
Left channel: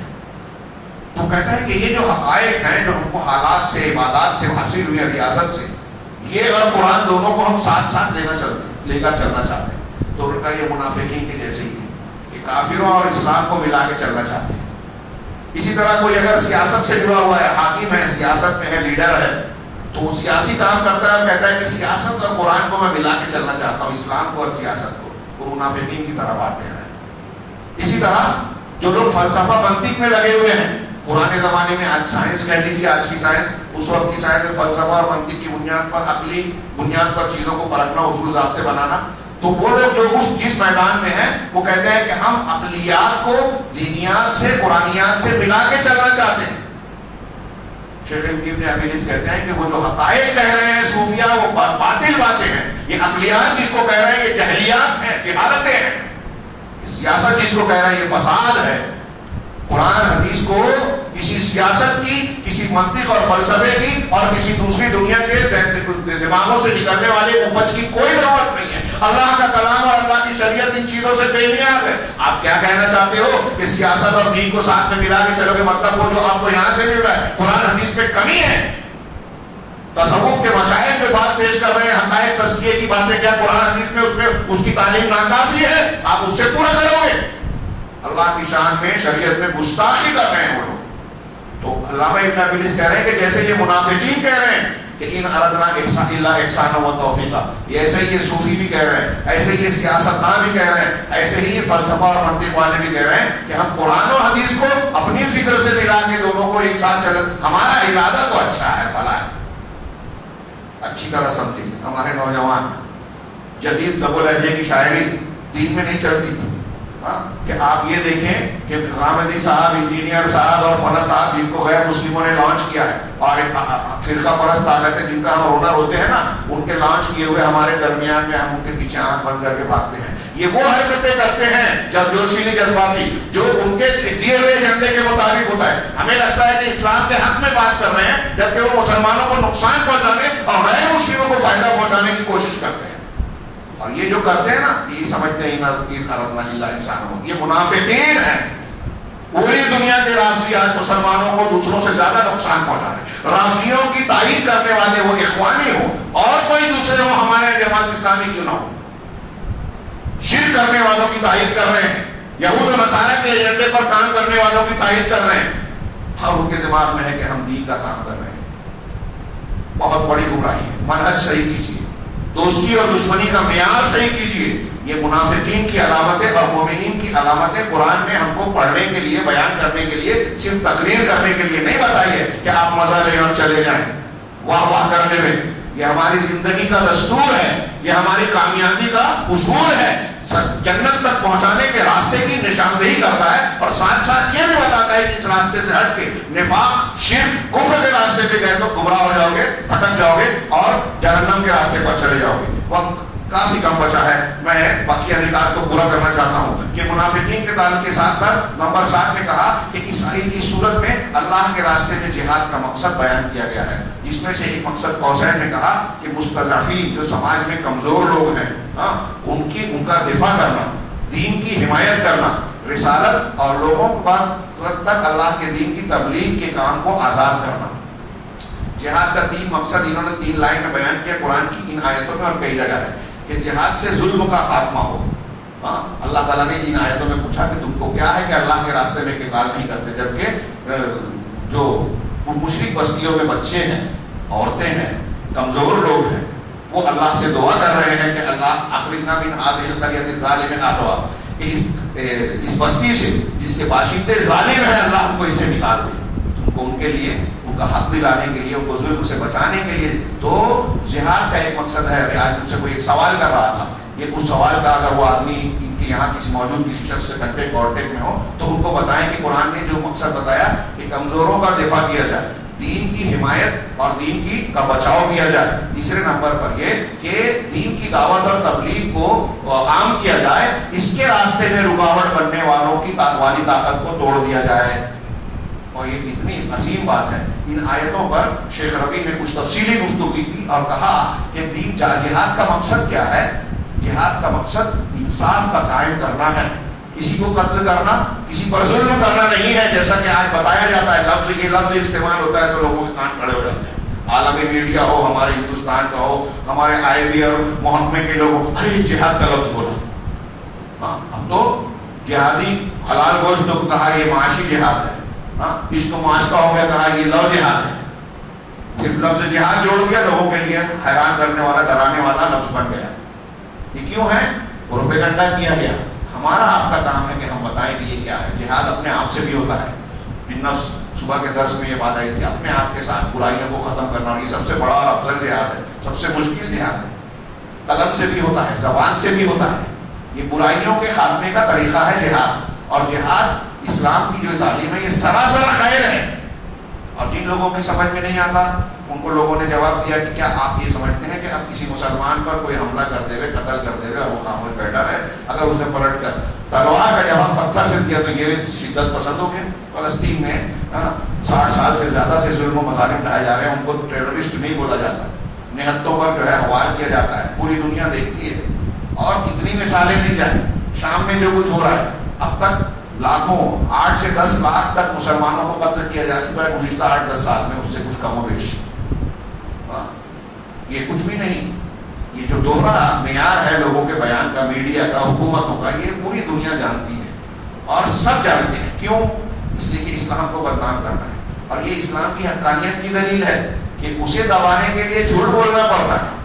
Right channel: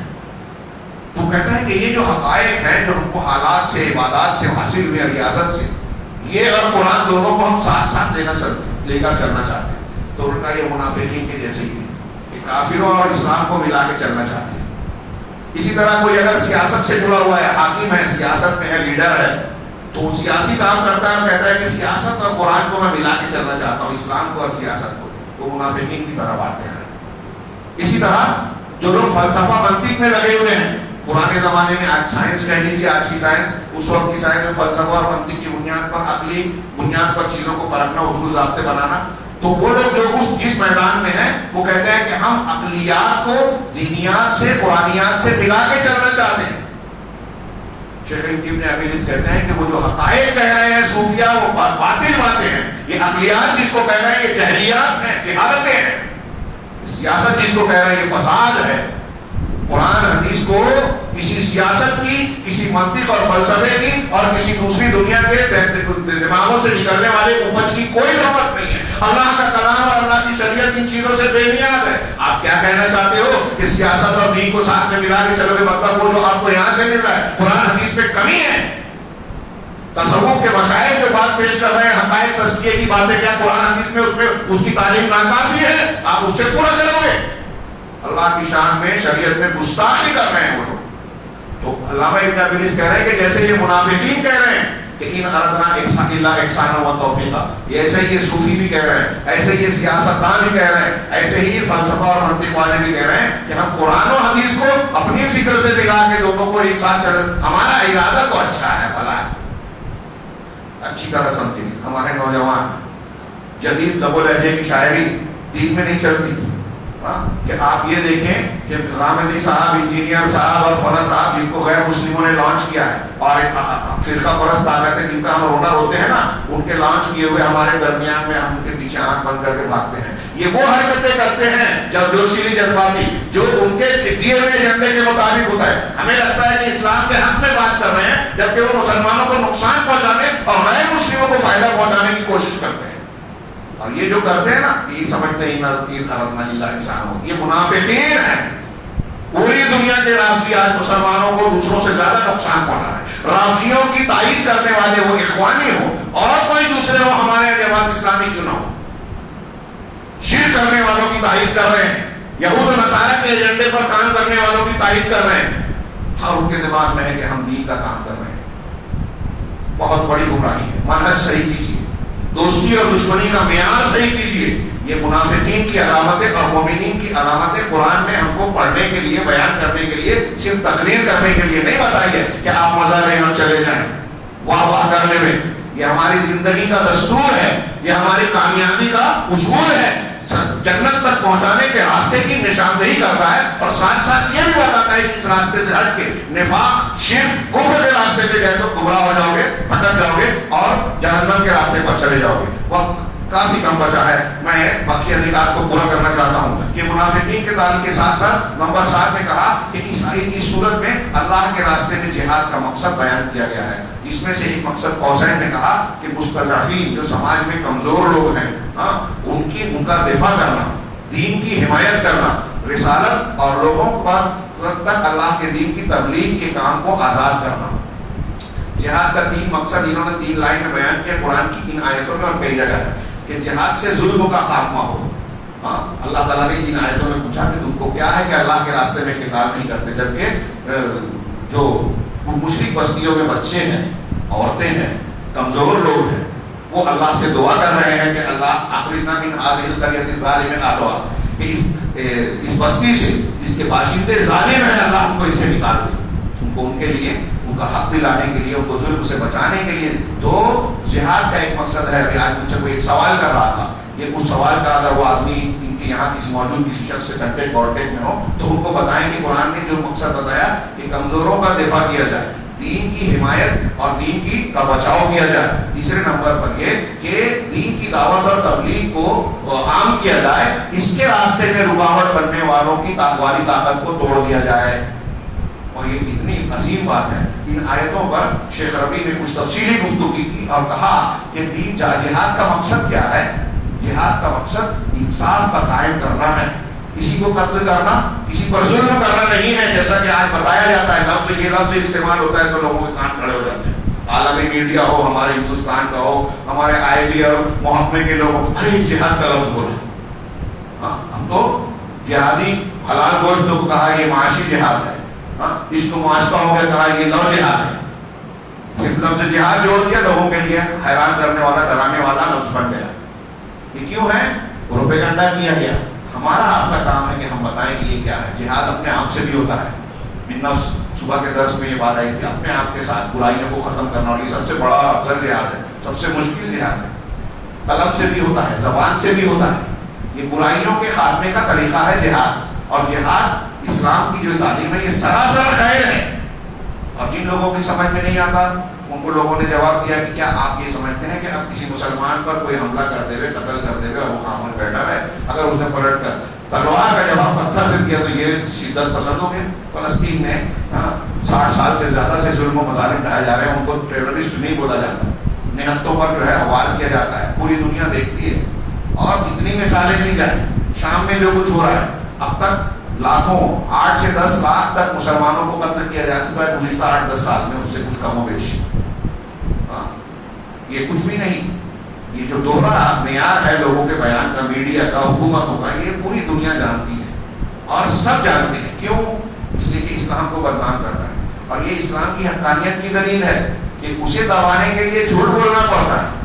تو کہتا ہے کہ یہ جو حقائق ہیں جو ہم کو حالات سے عبادات سے حاصل ہوئی ریاضت سے، یہ اور قرآن دونوں کو ہم ساتھ ساتھ لے کر چلنا چاہتے ہیں. تو ان کا یہ منافقین کے جیسے ہی ہے، یہ کافروں اور اسلام کو ملا کے چلنا چاہتے ہیں. اسی طرح کوئی اگر سیاست سے جڑا ہوا ہے، حاکم ہے، سیاست میں ہے، لیڈر ہے، تو وہ سیاسی کام کرتا ہے اور کہتا ہے کہ سیاست اور قرآن کو میں ملا کے چلنا چاہتا ہوں، اسلام کو اور سیاست کو. وہ منافقین کی طرح بات کہہ رہے ہیں. اسی طرح جو لوگ فلسفہ منطق میں لگے ہوئے ہیں، پرانے زمانے میں آج سائنس کہہ لیجیے، آج کی سائنس، اس وقت کی سائنس میں فلسفہ اور منطق کی بنیاد پر، عقلی بنیاد پر چیزوں کو پرکھنا، اصول ضابطے بنانا، تو وہ لوگ جو جس میدان میں ہیں وہ کہتے ہیں کہ ہم عقلیات کو دینیات سے، قرآنیات سے ملا کے چلنا چاہتے ہیں. شیخ ابن ابیلیس کہتے ہیں کہ وہ جو حقائق کہہ رہے ہیں صوفیہ وہ باطل باتیں ہیں. یہ عقلیات جس کو کہہ رہے ہیں یہ جہلیات ہیں، جہالتیں ہیں. سیاست جس کو کہہ رہے ہیں یہ فساد ہے. قرآن حدیث کو کسی سیاست کی، کسی منطق اور فلسفے کی اور کسی دوسری دنیا کے دماغوں سے نکلنے والے اپج کی کوئی ضرورت نہیں ہے. اللہ کا کلام اور اللہ کی شریعت ان چیزوں سے بے نیاز ہے. آپ کیا کہنا چاہتے ہو کہ سیاست اور دین کو ساتھ میں ملا کے چلو گے، مطلب وہ جو آپ کو یہاں سے مل رہا ہے قرآن حدیث میں کمی ہے. تصوف کے مشاہد جو بات پیش کر رہے ہیں، حقائق تزکیے کی باتیں، کیا قرآن حدیث میں اس کی تعلیم ناکافی ہے؟ آپ اس سے پورا کرو گے. اللہ کی شان میں شریعت میں گستاخی کر رہے ہیں وہ. تو علامہ ابن ابلیس کہہ رہے ہیں کہ جیسے یہ منافقین کہہ رہے ہیں کہ ان اردنا احسان اللہ احسان و توفیقہ، ایسے ہی یہ صوفی بھی کہہ رہے ہیں، ایسے ہی یہ سیاستدان بھی کہہ رہے ہیں، ایسے ہی یہ فلسفہ اور منطق والے بھی کہہ رہے ہیں کہ ہم قرآن و حدیث کو اپنی فکر سے ملا کے دونوں کو ایک ساتھ چلے. ہمارا ارادہ تو اچھا ہے، بھلا اچھی طرح سمجھیں. ہمارے نوجوان جدید لب و لہجے کی شاعری دین میں نہیں چلتی کہ آپ یہ دیکھیں کہ غامدی صاحب، انجینئر صاحب اور فونا صاحب جن کو غیر مسلموں نے لانچ کیا ہے اور فرقہ پرست طاقتیں جن کا ہم رونر ہوتے ہیں نا، ان کے لانچ کیے ہوئے ہمارے درمیان میں ہم ان کے پیچھے آنکھ بند کر کے بھاگتے ہیں. یہ وہ حرکتیں کرتے ہیں جوشیلی جذباتی جو ان کے دیے ہوئے ایجنڈے کے مطابق ہوتا ہے. ہمیں لگتا ہے کہ اسلام کے حق میں بات کر رہے ہیں جبکہ وہ مسلمانوں کو نقصان پہنچانے اور غیر مسلموں کو فائدہ پہنچانے کی کوشش کرتے ہیں. اور یہ جو کرتے ہیں نا، یہ سمجھتے ہیں یہ منافقین ہیں. پوری دنیا کے رافضیات مسلمانوں کو دوسروں سے زیادہ نقصان پہنچا رہے ہیں. رافضیوں کی تائید کرنے والے وہ اخوانی ہو اور کوئی دوسرے ہو، ہمارے جماعت اسلامی کیوں نہ ہو، شرک کرنے والوں کی تائید کر رہے ہیں، یہود و نصارہ کے ایجنڈے پر کام کرنے والوں کی تائید کر رہے ہیں. اور ان کے دماغ میں ہے کہ ہم دین کا کام کر رہے ہیں. بہت بڑی گمراہی ہے. منہج صحیح کیجیے، دوستی اور دشمنی کا معیار صحیح کیجیے. یہ منافقین کی علامتیں اور مومنین کی علامتیں قرآن میں ہم کو پڑھنے کے لیے، بیان کرنے کے لیے، صرف تقریر کرنے کے لیے نہیں بتائی ہے کہ آپ مزہ لے اور چلے جائیں واہ واہ کرنے میں. یہ ہماری زندگی کا دستور ہے، یہ ہماری کامیابی کا اصول ہے، جنت تک پہنچانے کے راستے کی نشاندہی کرتا ہے اور ساتھ ساتھ یہ بھی بتاتا ہے کہ اس راستے سے ہٹ کے نفاق، شرک، کفر کے راستے پہ گئے تو گمراہ ہو جاؤ گے، بھٹک جاؤ گے اور جہنم کے راستے پر چلے جاؤ گے. وقت کافی کم بچا ہے. میں باقی نکات کو پورا کرنا چاہتا ہوں کہ منافقین کے تعلق کے ساتھ ساتھ نمبر 7 میں کہا کہ اس صورت میں اللہ کے راستے میں جہاد کا مقصد بیان کیا گیا ہے، جس میں سے ایک مقصد قوسین نے کہا کہ مستضعفین جو سماج میں کمزور لوگ ہیں ان کا دفاع کرنا، دین کی حمایت کرنا، رسالت اور لوگوں پر تک اللہ کے دین کی تبلیغ کے کام کو آزاد کرنا. جہاد کا 3 مقصد انہوں نے 3 لائن میں بیان کیا قرآن کی ان آیتوں میں اور کئی جگہ ہے کہ جہاد سے ظلم کا خاتمہ ہو. اللہ تعالیٰ نے ان آیتوں میں پوچھا کہ تم کو کیا ہے کہ اللہ کے راستے میں قتال نہیں کرتے، جبکہ جو مشرک بستیوں میں بچے ہیں، عورتیں ہیں، کمزور لوگ ہیں، وہ اللہ سے دعا کر رہے ہیں کہ اللہ اخرجنا من هذه القرية الظالم اهلها، کہ اس بستی سے جس کے باشندے ظالم ہیں اللہ ہم کو اس سے نکال دے. تم کو ان کے لیے ان کا حق دلانے کے لیے، ان کو ظلم سے بچانے کے لیے. تو جہاد کا ایک مقصد ہے. آج مجھ سے کوئی ایک سوال کر رہا تھا، یہ اس سوال کا اگر وہ آدمی ان کے یہاں کسی موجود کسی شخص سے کانٹیکٹ میں ہو تو ان کو بتائیں کہ قرآن نے جو مقصد بتایا کہ کمزوروں کا دفاع کیا جائے، دین کی حمایت اور دین کی کا بچاؤ کیا جائے. تیسرے نمبر پر یہ کہ دین کی دعوت اور تبلیغ کو عام کیا جائے، اس کے راستے میں رکاوٹ کرنے والوں کی والی طاقت کو توڑ دیا جائے. اور یہ کتنی عظیم بات ہے. ان آیتوں پر شیخ ربیع نے کچھ تفصیلی گفتگو کی اور کہا کہ دین جہاد کا مقصد کیا ہے؟ جہاد کا مقصد انصاف کا قائم کرنا ہے، کسی کو قتل کرنا، کسی پر ظلم کرنا نہیں ہے. جیسا کہ آج بتایا جاتا ہے، یہ لفظ استعمال ہوتا ہے تو لوگوں کے کان کھڑے ہو جاتے ہیں. عالمی میڈیا ہو، ہمارے ہندوستان کا ہو، ہمارے آئی بی اور محکمے کے لوگ ارے جہاد کا لفظ بولا. ہم تو جہادی حلال گوشت کو کہا یہ معاشی جہاد ہے، اس کو معاشقہ ہو گیا کہا یہ لو جہاد ہے. صرف لفظ جہاد جوڑ دیا، لوگوں کے لیے حیران کرنے والا، ڈرانے والا لفظ بن گیا. یہ کیوں ہے؟ پروپیگنڈا کیا گیا. ہمارا آپ کا کام ہے کہ ہم بتائیں کہ یہ کیا ہے. جہاد اپنے آپ سے بھی ہوتا ہے. بالنفس صبح کے درس میں یہ بات آئی تھی، اپنے آپ کے ساتھ برائیوں کو ختم کرنا، اور یہ سب سے بڑا اور افضل جہاد ہے، سب سے مشکل جہاد ہے. قلم سے بھی ہوتا ہے، زبان سے بھی ہوتا ہے. یہ برائیوں کے خاتمے کا طریقہ ہے جہاد. اور جہاد اسلام کی جو تعلیم ہے یہ سراسر خیر ہے. اور جن لوگوں کی سمجھ میں نہیں آتا ان کو لوگوں نے جواب دیا کہ کیا آپ یہ سمجھتے ہیں کہ اب کسی مسلمان پر کوئی حملہ کرتے ہوئے، قتل کرتے ہوئے اور وہ سامنے بیٹھا ہے، اگر اس نے پلٹ کر تلوار کا جواب پتھر سے دیا تو یہ شدت پسند ہو گئے؟ فلسطین میں 60 سال سے زیادہ سے ظلم و مظالم ڈھائے جا رہے ہیں، ان کو ٹیررسٹ نہیں بولا جاتا، نہتوں پر جو ہے وار کیا جاتا ہے، پوری دنیا دیکھتی ہے. اور کتنی مثالیں دی جائیں. شام میں جو کچھ ہو رہا ہے، اب تک لاکھوں 8 سے 10 لاکھ تک مسلمانوں کو قتل کیا جا چکا ہے گزشتہ 8-10 سال میں، اس سے کچھ کم و بیش. یہ کچھ بھی نہیں. یہ جو دوہرا معیار ہے لوگوں کے بیان کا، میڈیا کا، حکومتوں کا، یہ پوری دنیا جانتی ہے اور سب جانتے ہیں. کیوں؟ اس لیے کہ اسلام کو بدنام کرنا ہے. اور یہ اسلام کی حقانیت کی دلیل ہے کہ اسے دبانے کے لیے جھوٹ بولنا پڑتا ہے.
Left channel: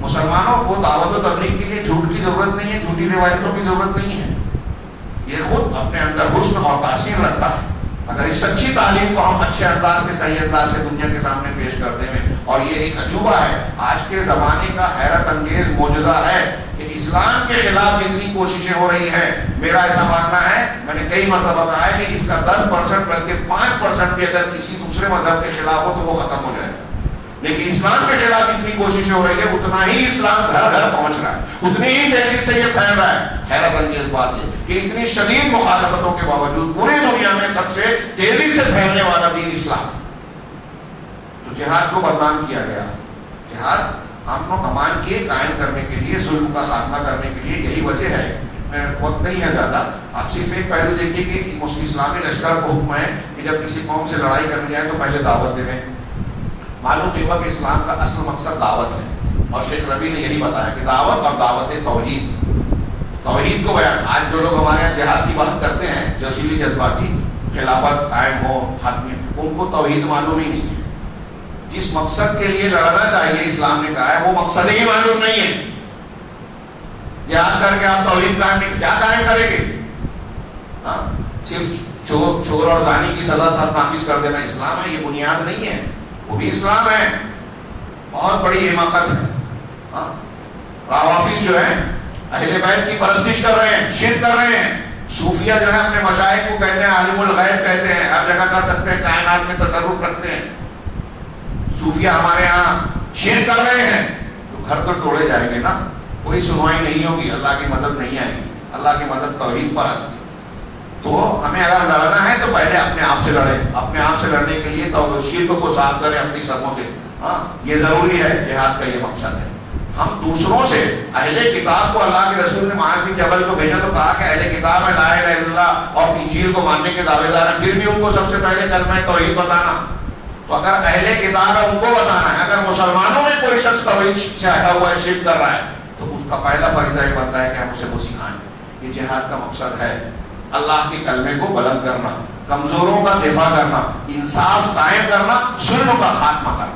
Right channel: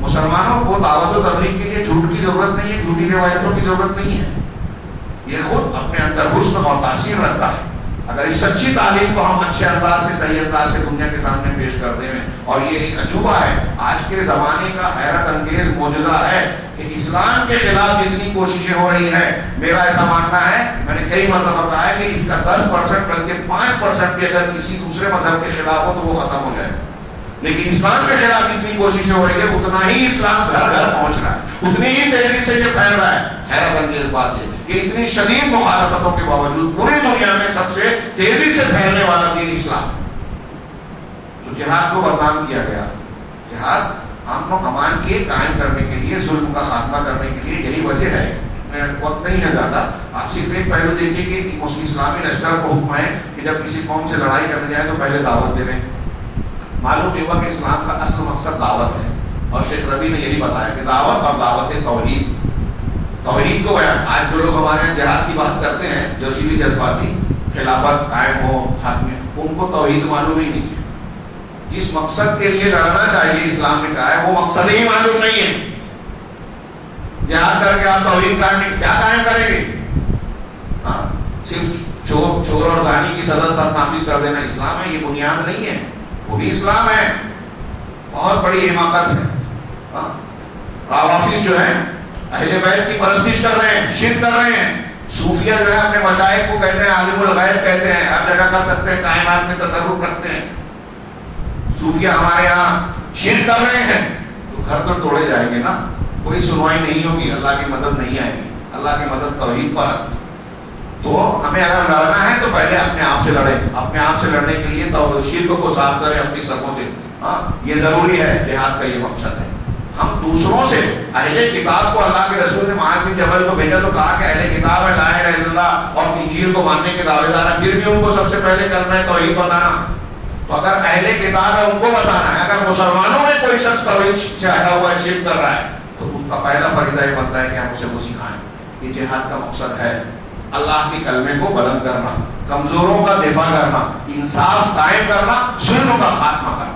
مسلمانوں کو دعوت و تبلیغ کے لیے جھوٹ کی ضرورت نہیں ہے، جھوٹی روایتوں کی ضرورت نہیں ہے. یہ خود اپنے اندر حسن اور تاثیر رکھتا ہے. اگر اس سچی تعلیم کو ہم اچھے انداز سے، صحیح انداز سے دنیا کے سامنے پیش کرتے ہیں، اور یہ ایک عجوبہ ہے، آج کے زمانے کا حیرت انگیز معجزہ ہے کہ اسلام کے خلاف جتنی کوششیں ہو رہی ہیں، میرا ایسا ماننا ہے، میں نے کئی مرتبہ کہا ہے کہ اس کا 10% بلکہ 5% بھی اگر کسی دوسرے مذہب کے خلاف ہو تو وہ ختم ہو جائے. لیکن اسلام کے خلاف اتنی کوششیں ہو رہی ہے، اتنا ہی اسلام گھر گھر پہنچ رہا ہے، اتنی ہی تیزی سے یہ پھیل رہا ہے. حیرت انگیز بات ہے کہ اتنی شدید مخالفتوں کے باوجود پوری دنیا میں سب سے تیزی سے پھیلنے والا دین اسلام. تو جہاد کو بدنام کیا گیا. جہاد امن و امان کے قائم کرنے کے لیے، ظلم کا خاتمہ کرنے کے لیے، یہی وجہ ہے. وقت نہیں ہے زیادہ. آپ صرف ایک پہلو دیکھیے کہ اسلامی لشکر کو حکم ہے کہ جب کسی قوم سے لڑائی کرنے جائے تو پہلے دعوت دے. معلوم یہ ہوا کہ اسلام کا اصل مقصد دعوت ہے، اور شیخ ربی نے یہی بتایا کہ دعوت اور دعوت توحید کو بیان. آج جو لوگ ہمارے یہاں جہاد کی بات کرتے ہیں، جوشیلی جذباتی، خلافت قائم ہو حق میں، ان کو توحید معلوم ہی نہیں ہے. جس مقصد کے لیے لڑنا چاہیے اسلام نے کہا ہے، وہ مقصد ہی معلوم نہیں ہے. جہاد کر کے آپ توحید کیا قائم کریں گے؟ صرف چور اور زانی کی سزا نافذ کر دینا اسلام ہے؟ یہ بنیاد نہیں ہے. وہ بھی اسلام ہے، بہت بڑی حماقت ہے. روافض جو ہیں اہل بیت کی پرستش کر رہے ہیں، شرک کر رہے ہیں. صوفیہ جو ہے اپنے مشائخ کو کہتے ہیں عالم الغیب کہتے ہیں، ہر جگہ کر سکتے ہیں، کائنات میں تصرف رکھتے ہیں. صوفیہ ہمارے یہاں شرک کر رہے ہیں تو گھر تو توڑے جائیں گے نا. کوئی سنوائی نہیں ہوگی، اللہ کی مدد نہیں آئے گی. اللہ کی مدد توحید پر آتی ہے. تو ہمیں اگر لڑنا ہے تو پہلے اپنے آپ سے لڑیں. اپنے آپ سے لڑنے کے لیے تو شرک کو صاف کریں اپنی سروں سے. یہ ضروری ہے. جہاد کا یہ مقصد ہے. ہم دوسروں سے، اہل کتاب کو اللہ کے رسول نے معاذ بن جبل کو بھیجا تو کہا کہ اہل کتاب ہے، لا الہ الا اللہ اور انجیل کو ماننے کے دعوے دار ہیں، پھر بھی ان کو سب سے پہلے کلمہ توحید بتانا. تو اگر اہل کتاب ہے ان کو بتانا ہے. اگر مسلمانوں میں کوئی شخص توحید سے ہٹا ہوا شرک کر رہا ہے تو اس کا پہلا فریضہ یہ بنتا ہے کہ ہم اسے وہ سکھائیں. یہ جہاد کا مقصد ہے. اللہ کے کلمے کو بلند کرنا، کمزوروں کا دفاع کرنا، انصاف قائم کرنا، ظلم کا خاتمہ کرنا.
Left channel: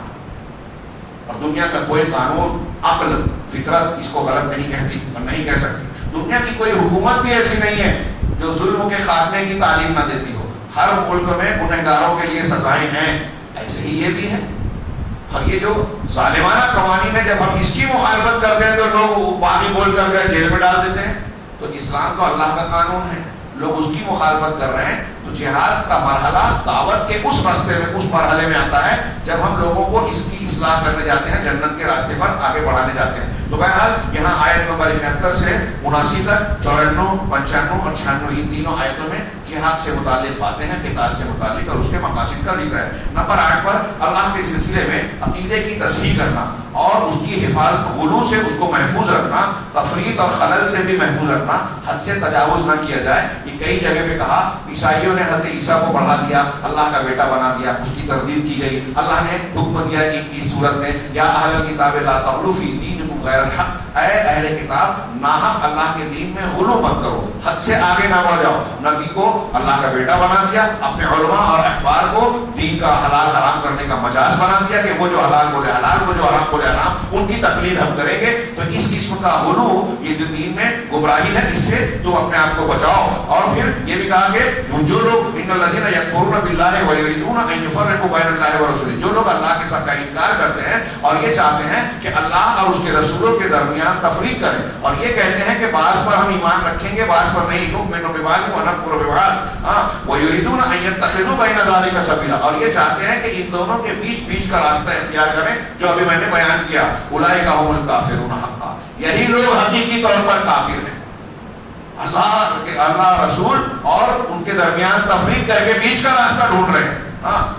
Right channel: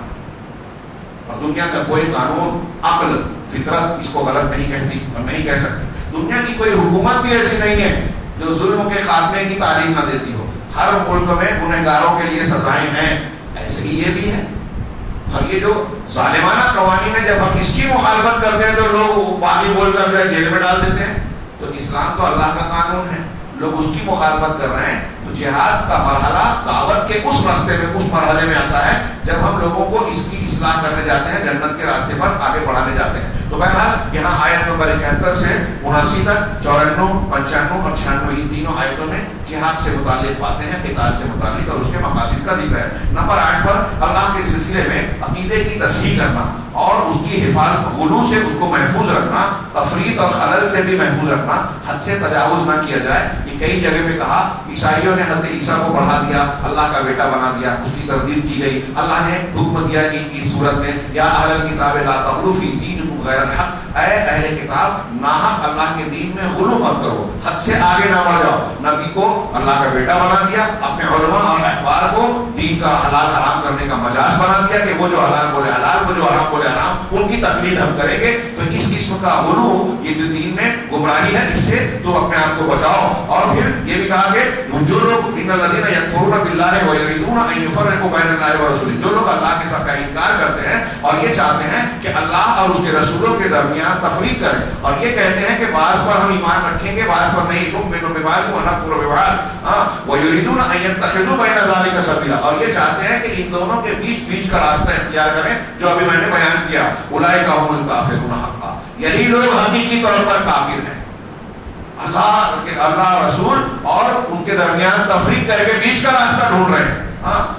اور دنیا کا کوئی قانون، عقل، فطرت اس کو غلط نہیں کہتی اور نہیں کہہ سکتی. دنیا کی کوئی حکومت بھی ایسی نہیں ہے جو ظلم کے خاتمے کی تعلیم نہ دیتی ہو. ہر ملک میں گنہگاروں کے لیے سزائیں ہیں. ایسے ہی یہ بھی ہے. اور یہ جو ظالمانہ قوانین ہے، جب ہم اس کی مخالفت کرتے ہیں تو لوگ باقی بول کر جیل میں ڈال دیتے ہیں. تو اسلام تو اللہ کا قانون ہے، لوگ اس کی مخالفت کر رہے ہیں. تو جہاد کا مرحلہ دعوت کے اس راستے میں، اس مرحلے میں آتا ہے جب ہم لوگوں کو اس کی اصلاح کرنے جاتے ہیں، جنت کے راستے پر آگے بڑھانے جاتے ہیں. تو بہرحال یہاں آیت نمبر 71 سے 79 تک، 94، 95 اور 96 ان تینوں آیتوں میں جہاد سے متعلق باتیں ہیں، قتال سے متعلق اور اس کے مقاصد کا ذکر ہے. نمبر 8 پر اللہ کے سلسلے میں عقیدے کی تصحیح کرنا اور اس کی حفاظت، غلو سے اس کو محفوظ رکھنا، تفریط اور خلل سے بھی محفوظ رکھنا، حد سے تجاوز نہ کیا جائے. یہ کئی جگہ پہ کہا. عیسائیوں نے حضرت عیسیٰ کو بڑھا دیا، اللہ کا بیٹا بنا دیا، اس کی تردید کی گئی. اللہ نے حکم دیا ان کی صورت میں، یا اہل الکتاب لا تغلوا فی دینکم غیر الحق، اے اہل کتاب ناحق اللہ کے دین میں غلو مت کرو، حد سے آگے نہ بڑھ جاؤ. نبی کو اللہ کا بیٹا بنا دیا، اپنے علماء اور احبار کو دین کا حلال حرام کرنے کا مجاز بنا دیا کہ وہ جو حلال بولے حلال، وہ جو حرام بولے حرام، ان کی تقلید ہم کریں گے. تو اس قسم کا غلو یہ جو دین میں گمراہی ہے، اس سے تم اپنے آپ کو بچاؤ. اور پھر یہ بھی کہا کہ جو لوگ ان الذین یکفرون باللہ ویریدون ان یفرقوا بین اللہ ورسولہ، جو لوگ اللہ کے ساتھ کا انکار کرتے ہیں اور یہ چاہتے ہیں کہ اللہ اور اس کے رسولوں کے درمیان تفریق کریں، اور یہ کہتے ہیں کہ بعض پر ہم ایمان رکھیں گے، بعض پر نہیں، نؤمن ببعض ونکفر ببعض ویریدون ان یتخذوا بین ذلک سبیلا، اور یہ چاہتے ہیں کہ ان دونوں کے بیچ کا راستہ اختیار کریں جو ابھی میں نے بیان کیا. اولئک هم الکافرون حقا، یہی لوگ حقیقی طور پر کافر ہیں. اللہ رسول اور ان کے درمیان تفریق کر کے بیچ کا راستہ ڈھونڈ رہے ہیں.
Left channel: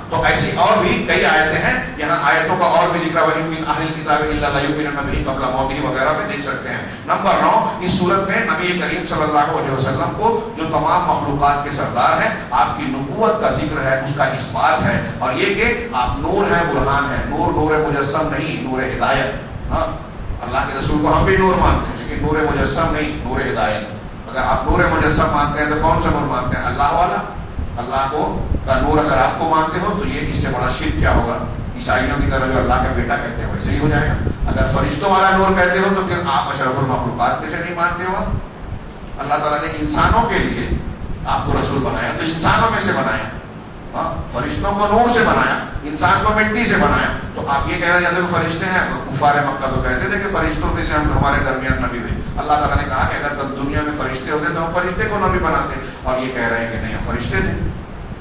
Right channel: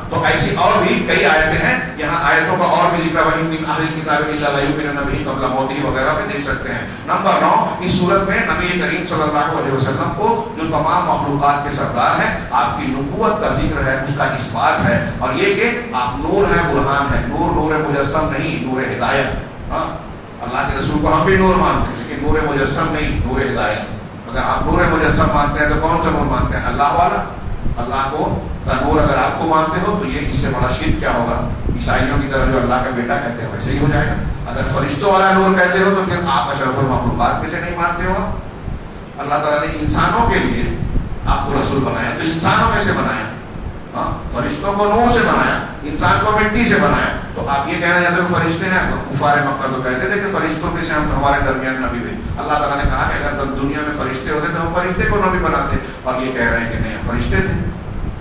تو ایسی اور بھی کئی آیتیں ہیں. یہاں آیتوں کا اور بھی ذکر وَإِن مِّنْ أَهْلِ الْكِتَابِ إِلَّا لَيُؤْمِنَنَّ بِهِ قَبْلَ مَوْتِهِ وغیرہ میں دیکھ سکتے ہیں. نمبر 9، اس صورت میں نبی کریم صلی اللہ علیہ وسلم کو جو تمام مخلوقات کے سردار ہیں آپ کی نبوت کا ذکر ہے، اس کا اثبات ہے، اور یہ کہ آپ نور ہیں، برہان ہے. نور مجسم نہیں، نور ہدایت. اللہ کے رسول کو ہم بھی نور مانتے ہیں لیکن نور مجسم نہیں، نور ہدایت. اگر آپ نور مجسم مانتے ہیں تو کون سا نور مانتے ہیں؟ اللہ والا. اللہ کو کا نور اگر آپ کو مانتے ہو تو یہ اس سے بڑا شرک کیا ہوگا؟ عیسائیوں کی طرح جو اللہ کا بیٹا کہتے ہیں ویسے ہی ہو جائے گا. اگر فرشتوں والا نور کہتے ہو تو پھر آپ اشرف المخلوقات میں سے نہیں مانتے ہو. اللہ تعالیٰ نے انسانوں کے لیے آپ کو رسول بنایا تو انسانوں میں سے بنایا. فرشتوں کو نور سے بنایا، انسان کو مٹی سے بنایا. تو آپ یہ کہنا چاہتے ہو فرشتے ہیں؟ کفار مکہ تو کہتے تھے کہ فرشتوں میں سے ہم ہمارے درمیان نبی بھیجے. اللہ تعالیٰ نے کہا کہ اگر تم دنیا میں فرشتے ہوتے تو ہم فرشتے کو نبی بناتے. اور یہ کہہ رہے ہیں کہ نہیں ہم فرشتے تھے.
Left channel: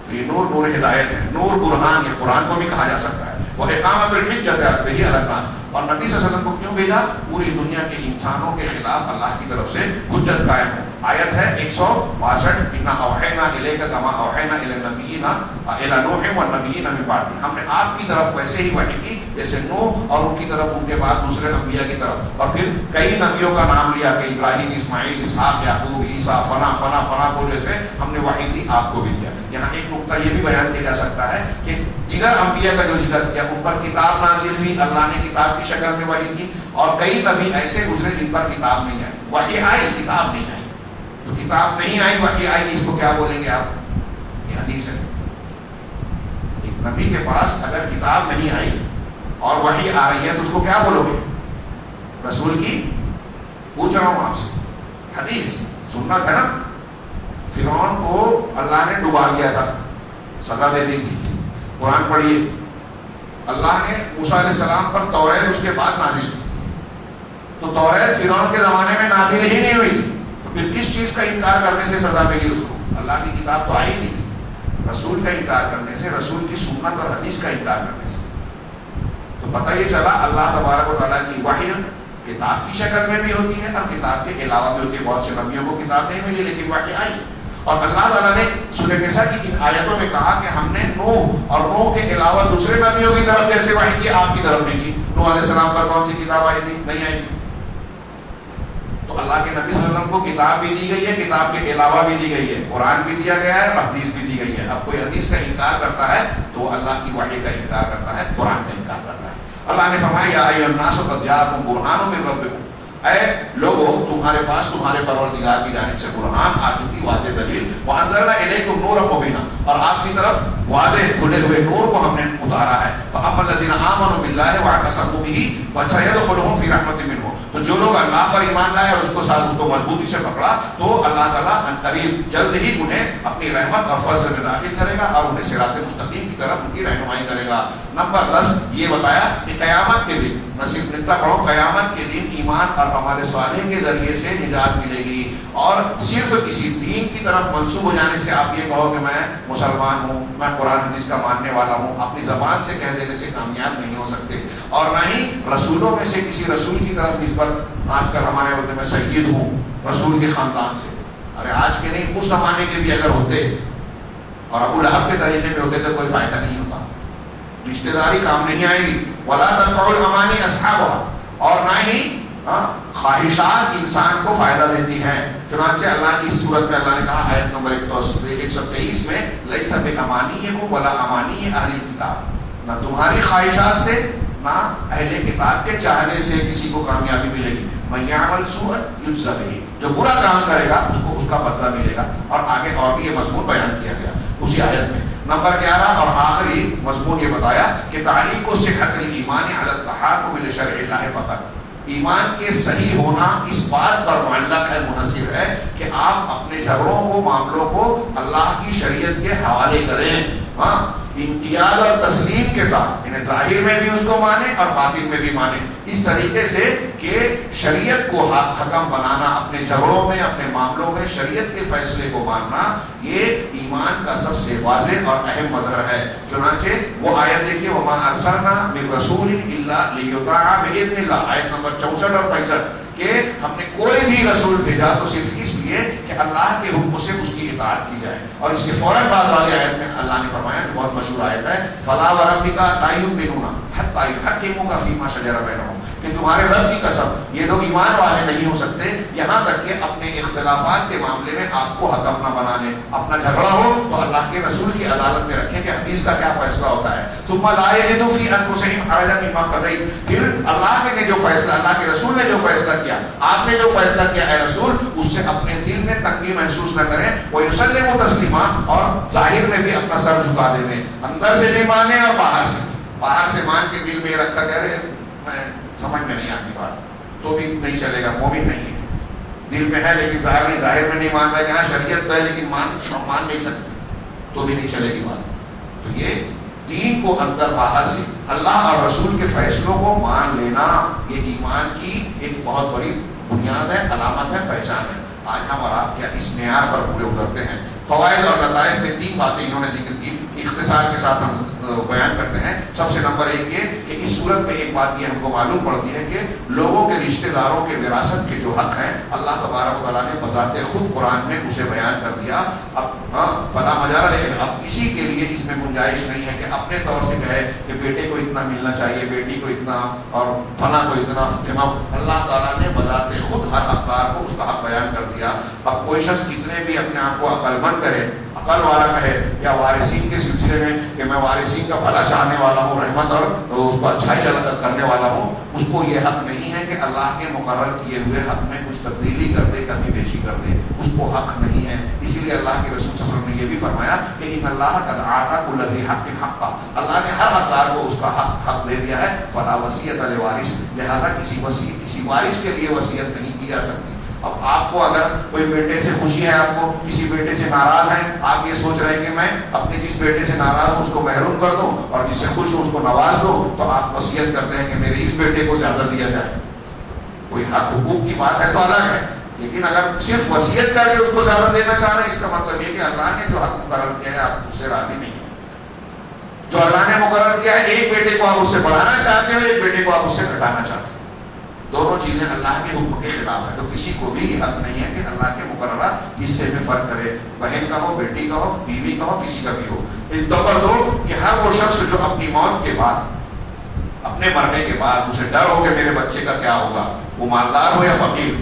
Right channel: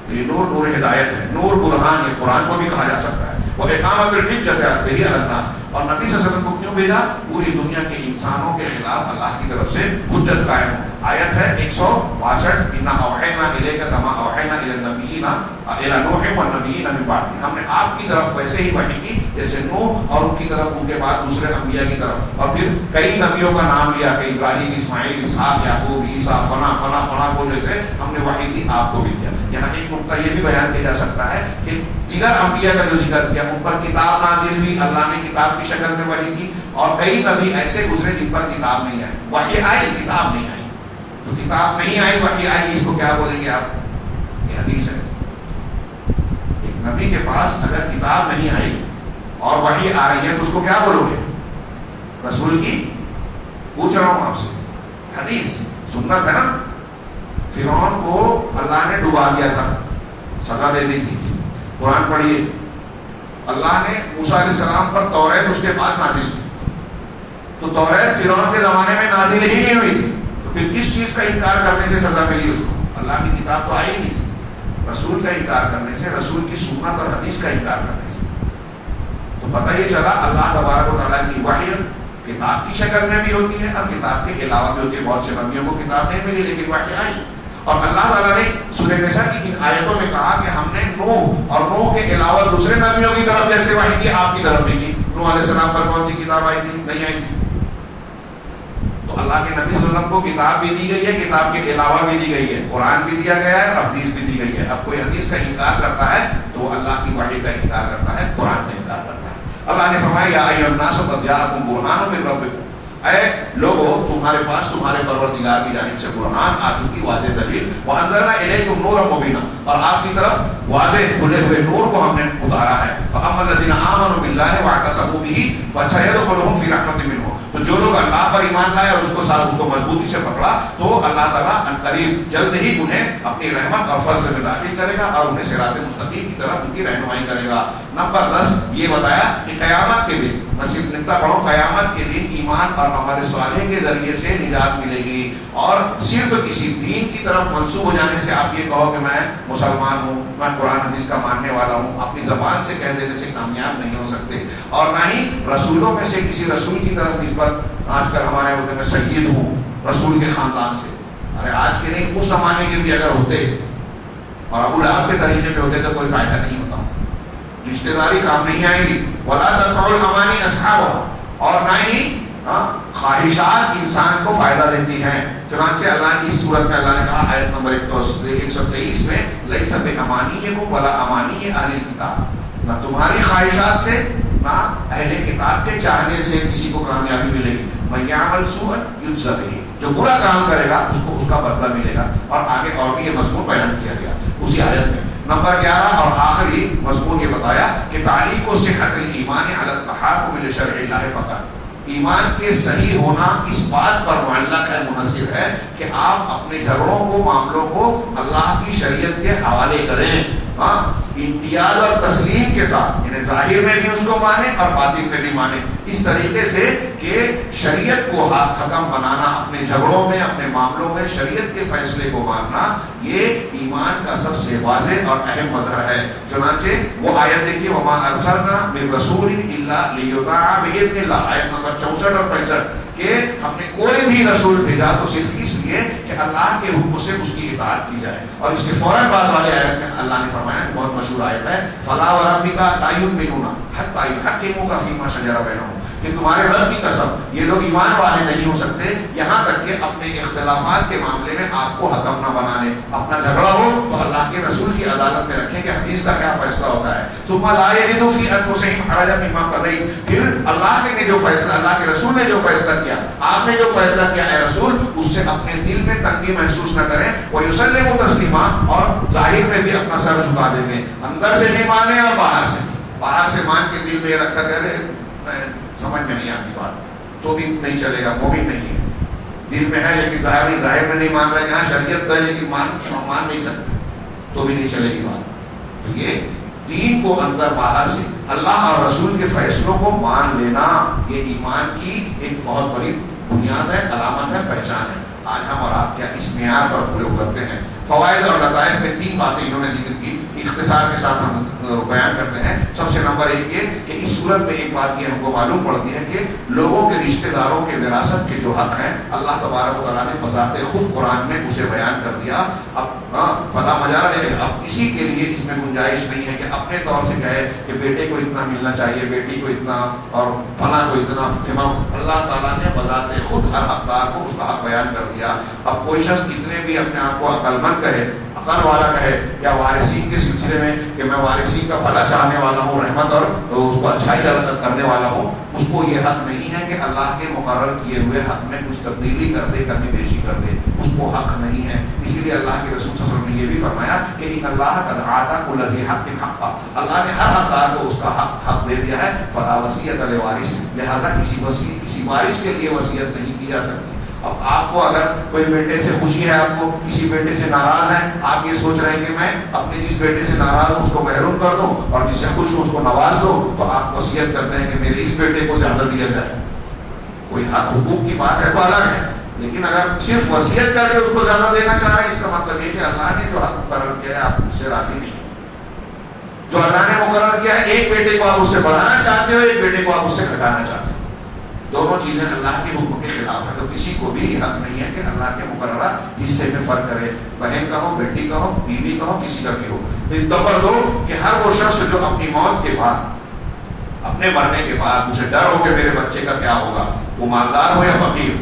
یہ نور ہدایت ہے، نور برہان. یہ قرآن کو بھی کہا جا سکتا ہے. وہ اقامت الحجت علی الناس. اور نبی صلی اللہ علیہ وسلم کو کیوں بھیجا؟ پوری دنیا کے انسانوں کے خلاف اللہ کی طرف سے حجت قائم ہو. آیت ہے 162، انا اوحینا الیک کما اوحینا الی النبیین الی نوح والنبیین من بعد. ہم نے آپ کی طرف ویسے ہی وحی کی جیسے نوح اور ان کی طرف ان کے بعد دوسرے انبیاء کی طرف. اور پھر کئی نبیوں کا نام لیا کہ ابراہیم، اسماعیل، اسحاق، یعقوب، عیسیٰ، فنا فنا فنا کو جیسے ہم نے وحی دی آپ کو بھی دیا. یہاں ایک نقطہ یہ بھی بیان کیا جا سکتا ہے کہ دیگر انبیاء کا جو ذکر کیا ان پر کتاب نازل ہوئی، اللہ نے کتاب کی شکل میں وحی کی. اور کئی نبی ایسے گزرے جن پر کتاب نہیں آئی. وحی آئی، کتاب نہیں آئی. تو کتاب نہیں آئی، وحی آئی، اس کو کیا بولیں گے آپ؟ یہ حدیث ہے. ایک نبی کے پاس اگر کتاب نہیں آئی اور وحی آ رہی ہے تو اس کو کیا بولو گے؟ رسول کی پوچھ رہا ہوں آپ سے. حدیث سنت ہے نا. فرعون کو اللہ نے ڈبا دیا تھا، سزا دے دی تھی. قرآن پڑھیے، اللہ نے موسیٰ علیہ السلام پر توریت اس کے بعد نازل کی. تو توریت فرعون کے زمانے میں نازل ہی نہیں ہوئی تھی. تو پھر کس چیز کا انکار کرنے سے سزا ملی اس کو؟ اللہ کی کتاب تو آئی نہیں تھی. رسول کا انکار کرنے سے، رسول کی سنت اور حدیث کا انکار کرنے سے. تو پتہ یہ چلا اللہ تبارک و تعالیٰ کی وحی کتاب کی شکل میں بھی ہوتی ہے اور کتاب کے علاوہ بھی ہوتی ہے. بہت سے نبیوں کو کتاب نہیں ملی لیکن وحی آئی. اور اللہ تعالیٰ نے سورہ نساء کی ان آیتوں میں کہا کہ ہم نے نوح اور نوح کے علاوہ دوسرے نبیوں کی طرف جیسے وحی کی آپ کی طرف بھی کی. نوح علیہ السلام پر کون سی کتاب آئی تھی؟ نہیں آئی تھی. تو اللہ کے نبی صلی اللہ علیہ وسلم کو کتاب بھی دی گئی ہے، کتاب کے علاوہ بھی دی گئی ہے. قرآن بھی دیا گیا ہے اور حدیث بھی دی گئی ہے. اب کوئی حدیث کا انکار کرتا ہے تو وہ اللہ کی وحی کا انکار کرتا ہے، قرآن کا انکار کرتا ہے. اللہ نے فرمایا یا ایھا الناس قد جاءکم برہان من ربکم. اے لوگوں تمہارے پاس تمہارے پروردگار کی جانب سے برہان آ چکی، واضح دلیل. وانزلنا الیکم نورا مبینا، اور آپ کی طرف واضح کھلے ہوئے نور کو ہم نے اتارا ہے. فاما الذین آمنوا باللہ واعتصموا بہ فسيدخلهم فی رحمۃ منہ. تو جو لوگ اللہ پر ایمان لائے اور اس کو مضبوطی سے پکڑا تو اللہ تعالیٰ قریب جلد ہی انہیں اپنی رحمت اور فضل میں داخل کرے گا اور انہیں صراط مستقیم کی طرف ان کی رہنمائی کرے گا. نمبر 10 یہ بتایا کہ قیامت کے دن، میں صرف نکتا پڑھوں، قیامت کے دن ایمان اور عمل صالح کے ذریعے سے نجات ملے گی. اور صرف کسی دین کی طرف منسوب ہو جانے سے آپ یہ کہو کہ میں مسلمان ہوں، میں قرآن حدیث کا ماننے والا ہوں، اپنی زبان سے کہہ دینے سے کامیاب نہیں ہو سکتے. اور نہ ہی رسولوں میں سے کسی رسول کی طرف نسبت. آج کل ہمارے وقت میں سید ہوں رسول کے خاندان سے. ارے آج کے نہیں، اس زمانے کے بھی اگر ہوتے اور ابو لہب کے طریقے پہ ہوتے تو کوئی فائدہ نہیں ہوتا. رشتہ داری کام نہیں آئے گی. ولا تنفع الامانی اصحابها، اور نہ ہی خواہشات انسان کو فائدہ دیتی ہیں. چنانچہ اللہ کی اس صورت میں اللہ نے کہا آیت نمبر 123 میں لیس بامانیکم ولا امانی اہل الکتاب، نہ تمہاری خواہشات سے نہ اہل کتاب کے چاہنے سے کسی کو کامیابی ملے گی. من یعمل سوءا یجزا بہ، جو برا کام کرے گا اس کو اس کا بدلہ ملے گا. اور آگے اور بھی یہ مضمون بیان کیا گیا اسی آیت میں. نمبر 11 اور آخری مضمون یہ بتایا کہ تعلیق صحت الایمان علی التحاکم لشرع اللہ فقط. ایمان کے صحیح ہونا اس بات پر معلق ہے، منحصر ہے کہ آپ اپنے جھگڑوں کو، معاملوں کو اللہ کی شریعت کے حوالے کریں. امتیاز اور تسلیم کے ساتھ، یعنی ظاہر میں بھی اس کو مانیں اور باطن میں بھی مانیں، اس طریقے سے کہ شریعت کو حکم بنانا، اپنے جھگڑوں میں، اپنے معاملوں میں شریعت کے فیصلے کو ماننا، یہ ایمان کا سب سے واضح اور اہم مظہر ہے. چنانچہ وہ آیت دیکھیے وما ارسلنا من رسول الا لیطاع باذن اللہ، آیت نمبر 64 اور 65. کہ ہم نے کوئی بھی رسول بھیجا تو صرف اس لیے کہ اللہ کے حکم سے اس کی اطاعت کی جائے. اور اس کے فوراً بعد والے آیت میں اللہ نے فرمایا کہ بہت مشہور آیت ہے فلا وربک لا یؤمنون حتی یحکموک فیما شجر بینہم، کہ تمہارے رب کی قسم یہ لوگ ایمان والے نہیں ہو سکتے یہاں تک کہ اپنے اختلافات کے معاملے میں آپ کو حکم نہ بنا لیں. اپنا جھگڑا ہو تو اللہ کے رسول کی عدالت میں رکھیں کہ حدیث کا کیا فیصلہ ہوتا ہے. ثم لا یجدوا فی انفسہم حرجا مما قضیت، پھر اللہ نے جو فیصلہ، اللہ کے رسول نے جو فیصلہ کیا، آپ نے جو فیصلہ کیا اے رسول، اس سے اپنے دل میں تنگی محسوس نہ کریں. ویسلموا تسلیما، اور ظاہر میں بھی اپنا سر جھکا دیں گے، اندر سے نہیں مانے اور باہر سے مان کے دل میں رکھا کرے سمجھ میں نہیں آتی بات تو بھی نہیں چلے گا. مومن نہیں ہے، دل میں ہے لیکن ظاہر میں نہیں مان رہے. یہاں شریعت ہے لیکن مان نہیں سکتے تو بھی نہیں چلے گی بات. تو یہ دین کو اندر باہر سے اللہ اور رسول کے فیصلوں کو مان لینا یہ ایمان کی ایک بہت بڑی بنیاد ہے، علامت ہے، پہچان ہے. آج ہم اور آپ کیا اس معیار پر پریوگ کرتے ہیں؟ فوائد اور لطائف میں 3 باتیں انہوں نے ذکر کی، اختصار کے ساتھ ہم بیان کرتے ہیں. سب سے نمبر 1 یہ کہ اس صورت میں ایک بات یہ ہم کو معلوم پڑتی ہے کہ لوگوں کے رشتہ داروں کے وراثت کے جو حق ہیں اللہ تبارک و تعالیٰ نے بذات خود قرآن میں اسے بیان کر دیا. اب فلا مجال ہے، اب کسی کے لیے اس میں گنجائش نہیں ہے کہ اپنے طور سے کہے کہ بیٹے کو اتنا ملنا چاہیے، بیٹی کو اتنا اور فلاں کو اتنا. اللہ تعالیٰ نے بذات خود ہر حقدار کو اس کا حق بیان کر دیا. اب کوئی شخص کتنے بھی اپنے آپ کو عقل مند کہے، عقل والا کہے، یا وارثین کے سلسلے میں کہ میں وارثین کا بھلا چاہنے والا ہوں، رحمت اور اس کو اچھائی کرنے والا ہوں، اس کو یہ حق نہیں ہے کہ اللہ کے مقرر کیے ہوئے حق میں کچھ تبدیلی کر دے، کمی بیشی کر دے. اس کو حق نہیں ہے. اسی لیے اللہ کے رسول صلی اللہ علیہ وسلم نے یہ بھی فرمایا کہ ان اللہ قد آتا کل ذی حق حقا، اللہ نے ہر حقدار کو اس کا حق دے دیا ہے. فلا وصیت لوارث، لہذا کسی وارث کے لیے وصیت نہیں کی جا سکتی. اب آپ کو اگر کوئی بیٹے سے خوشی ہے، آپ کو کسی بیٹے سے ناراض ہیں، آپ یہ سوچ رہے ہیں کہ میں اپنے جس بیٹے سے ناراض ہوں اس کو محروم کر دوں اور جس سے خوش ہوں اس کو نواز دوں، تو آپ وصیت کرتے ہیں کہ میرے اس بیٹے کو زیادہ دیا جائے. کوئی حق حقوق کی بات ہے تو الگ ہے، لیکن اگر صرف وصیت کر کے اس کو زیادہ دینا چاہ رہے ہیں، اس کا مطلب یہ کہ اللہ نے جو حق مقرر کیا ہے آپ اس سے راضی نہیں ہیں. جو اللہ نے مقرر کیا ہے، ایک بیٹے کو آپ اس سے بڑھانا چاہتے ہو، ایک بیٹے کو آپ اس سے گھٹانا چاہتے ہو، دونوں چیزیں اللہ کے حکم کے خلاف ہے. تو کسی کو بھی حق نہیں ہے کہ اللہ کے مقررہ حصے میں فرق کرے، بہن کا ہو، بیٹی کا ہو، بیوی کا ہو، کسی کا بھی ہو. نمبر 2 کہ ہر وہ شخص جو اپنی موت کے بعد، اپنے مرنے کے بعد اسے ڈر ہو کہ میرے بچے کا کیا ہوگا، وہ مالدار ہو یا فقیر،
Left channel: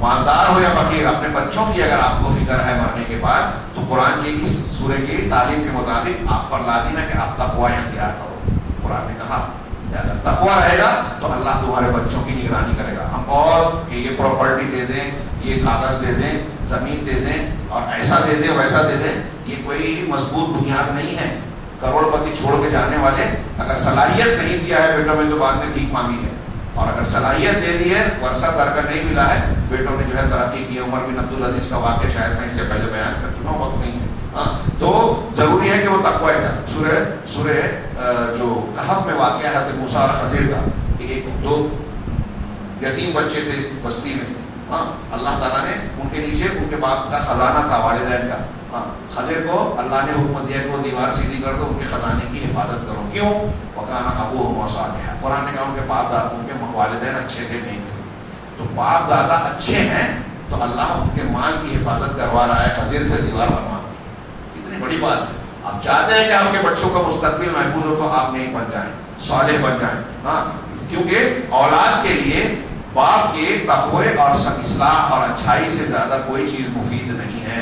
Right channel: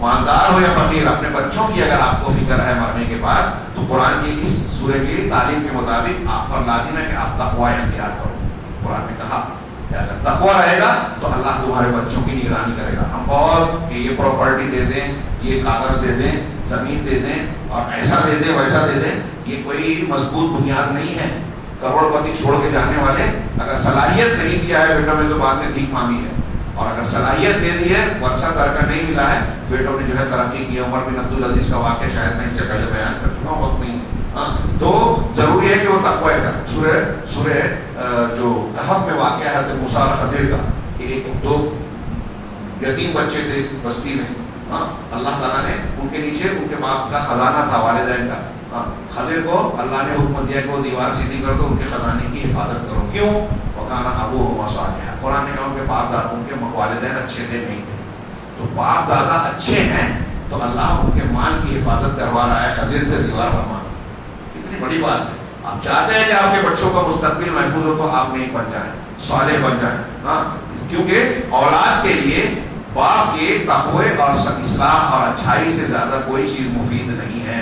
مالدار ہو یا فقیر، اپنے بچوں کی اگر آپ کو فکر ہے مرنے کے بعد، تو قرآن کی اس سورہ کی تعلیم کے مطابق آپ پر لازم ہے کہ آپ تقوی اختیار کرو. قرآن نے کہا اگر تقوی رہے گا تو اللہ تمہارے بچوں کی نگرانی کرے گا. ہم بہت کہ یہ پراپرٹی دے دیں، یہ کاغذ دے دیں، زمین دے دیں اور ایسا دے دیں ویسا دے دیں، یہ کوئی مضبوط بنیاد نہیں ہے. کروڑ پتی چھوڑ کے جانے والے اگر صلاحیت نہیں دیا ہے بیٹوں میں تو بعد میں بھیک مانگی ہے، اور اگر صلاحیت دے دی ہے، ورثہ ترکہ نہیں ملا ہے، بیٹوں نے جو ہے ترقی کی ہے. عمر بن عبدالعزیز کا واقعہ شاید میں اس سے پہلے بیان کر چکا ہوں، وقت نہیں ہے. تو ضروری ہے کہ وہ تقوی ہے. سورہ جو کہف میں واقعہ ہے تو موسیٰ اور خضر کا کہ 2 یتیم بچے تھے بستی میں، اللہ تعالیٰ نے ان کے نیچے ان کے باپ کا خزانہ تھا، والدین کا. خضر کو اللہ نے حکم دیا کہ وہ دیوار سیدھی کر دو، ان کے خزانے کی حفاظت کرو. کیوں؟ وَكَانَ أَبُوهُمَا صَالِحًا. قرآن نے کہا ان کے باپ دادا، ان کے والدین اچھے تھے نہیں تھے. تو باپ دادا اچھے ہیں تو اللہ ان کے مال کی حفاظت کروا رہا ہے، خضر سے دیوار بنوا رہا ہے. کتنی بڑی بات ہے. آپ چاہتے ہیں کہ آپ کے بچوں کا مستقبل محفوظ ہو تو آپ نہیں بن جائیں، صالح بن جائیں. کیونکہ اولاد کے لیے باپ کے تقوی اور اصلاح اور اچھائی سے زیادہ کوئی چیز مفید نہیں ہے.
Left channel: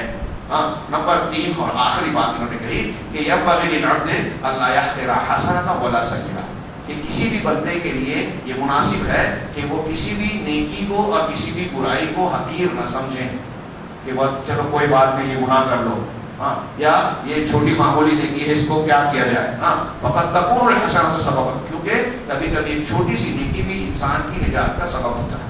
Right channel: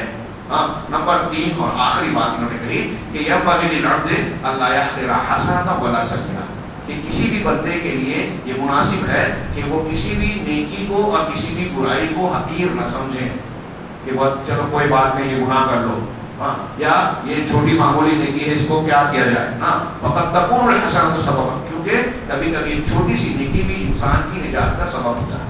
نمبر 3 اور آخری بات انہوں نے کہی کہ ينبغي للعبد الا يحقر حسنة ولا سيئة، کہ کسی بھی بندے کے لیے یہ مناسب ہے کہ وہ کسی بھی نیکی کو اور کسی بھی برائی کو حقیر نہ سمجھیں کہ بس چلو کوئی بات نہیں، یہ گناہ کر لو، یا یہ چھوٹی معمولی نیکی ہے اس کو کیا کیا جائے. فقط تكون الحسنة سببا، کیونکہ کبھی کبھی ایک چھوٹی سی نیکی بھی انسان کی نجات کا سبب ہوتا ہے.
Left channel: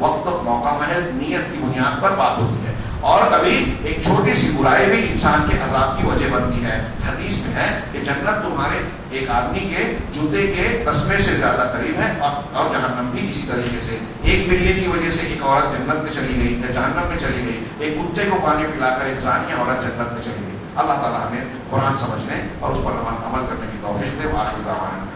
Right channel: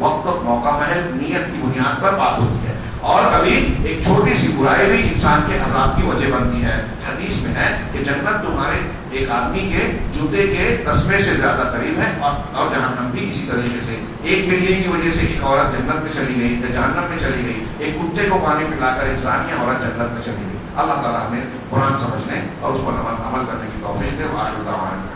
وقت اور موقع محل نیت کی بنیاد پر بات ہوتی ہے. اور کبھی ایک چھوٹی سی برائی بھی انسان کے عذاب کی وجہ بنتی ہے. حدیث میں ہے کہ جنت تمہارے ایک آدمی کے جوتے کے تسمے سے زیادہ قریب ہے، اور جہنم بھی اسی طریقے سے. ایک بلی کی وجہ سے ایک عورت جنت میں چلی گئی یا جہنم میں چلی گئی، ایک کتے کو پانی پلا کر انسان یا عورت جنت میں چلی گئی. اللہ تعالیٰ ہمیں قرآن سمجھنے اور اس پر عمل کرنے کی توفیق دے. آخر دعوانا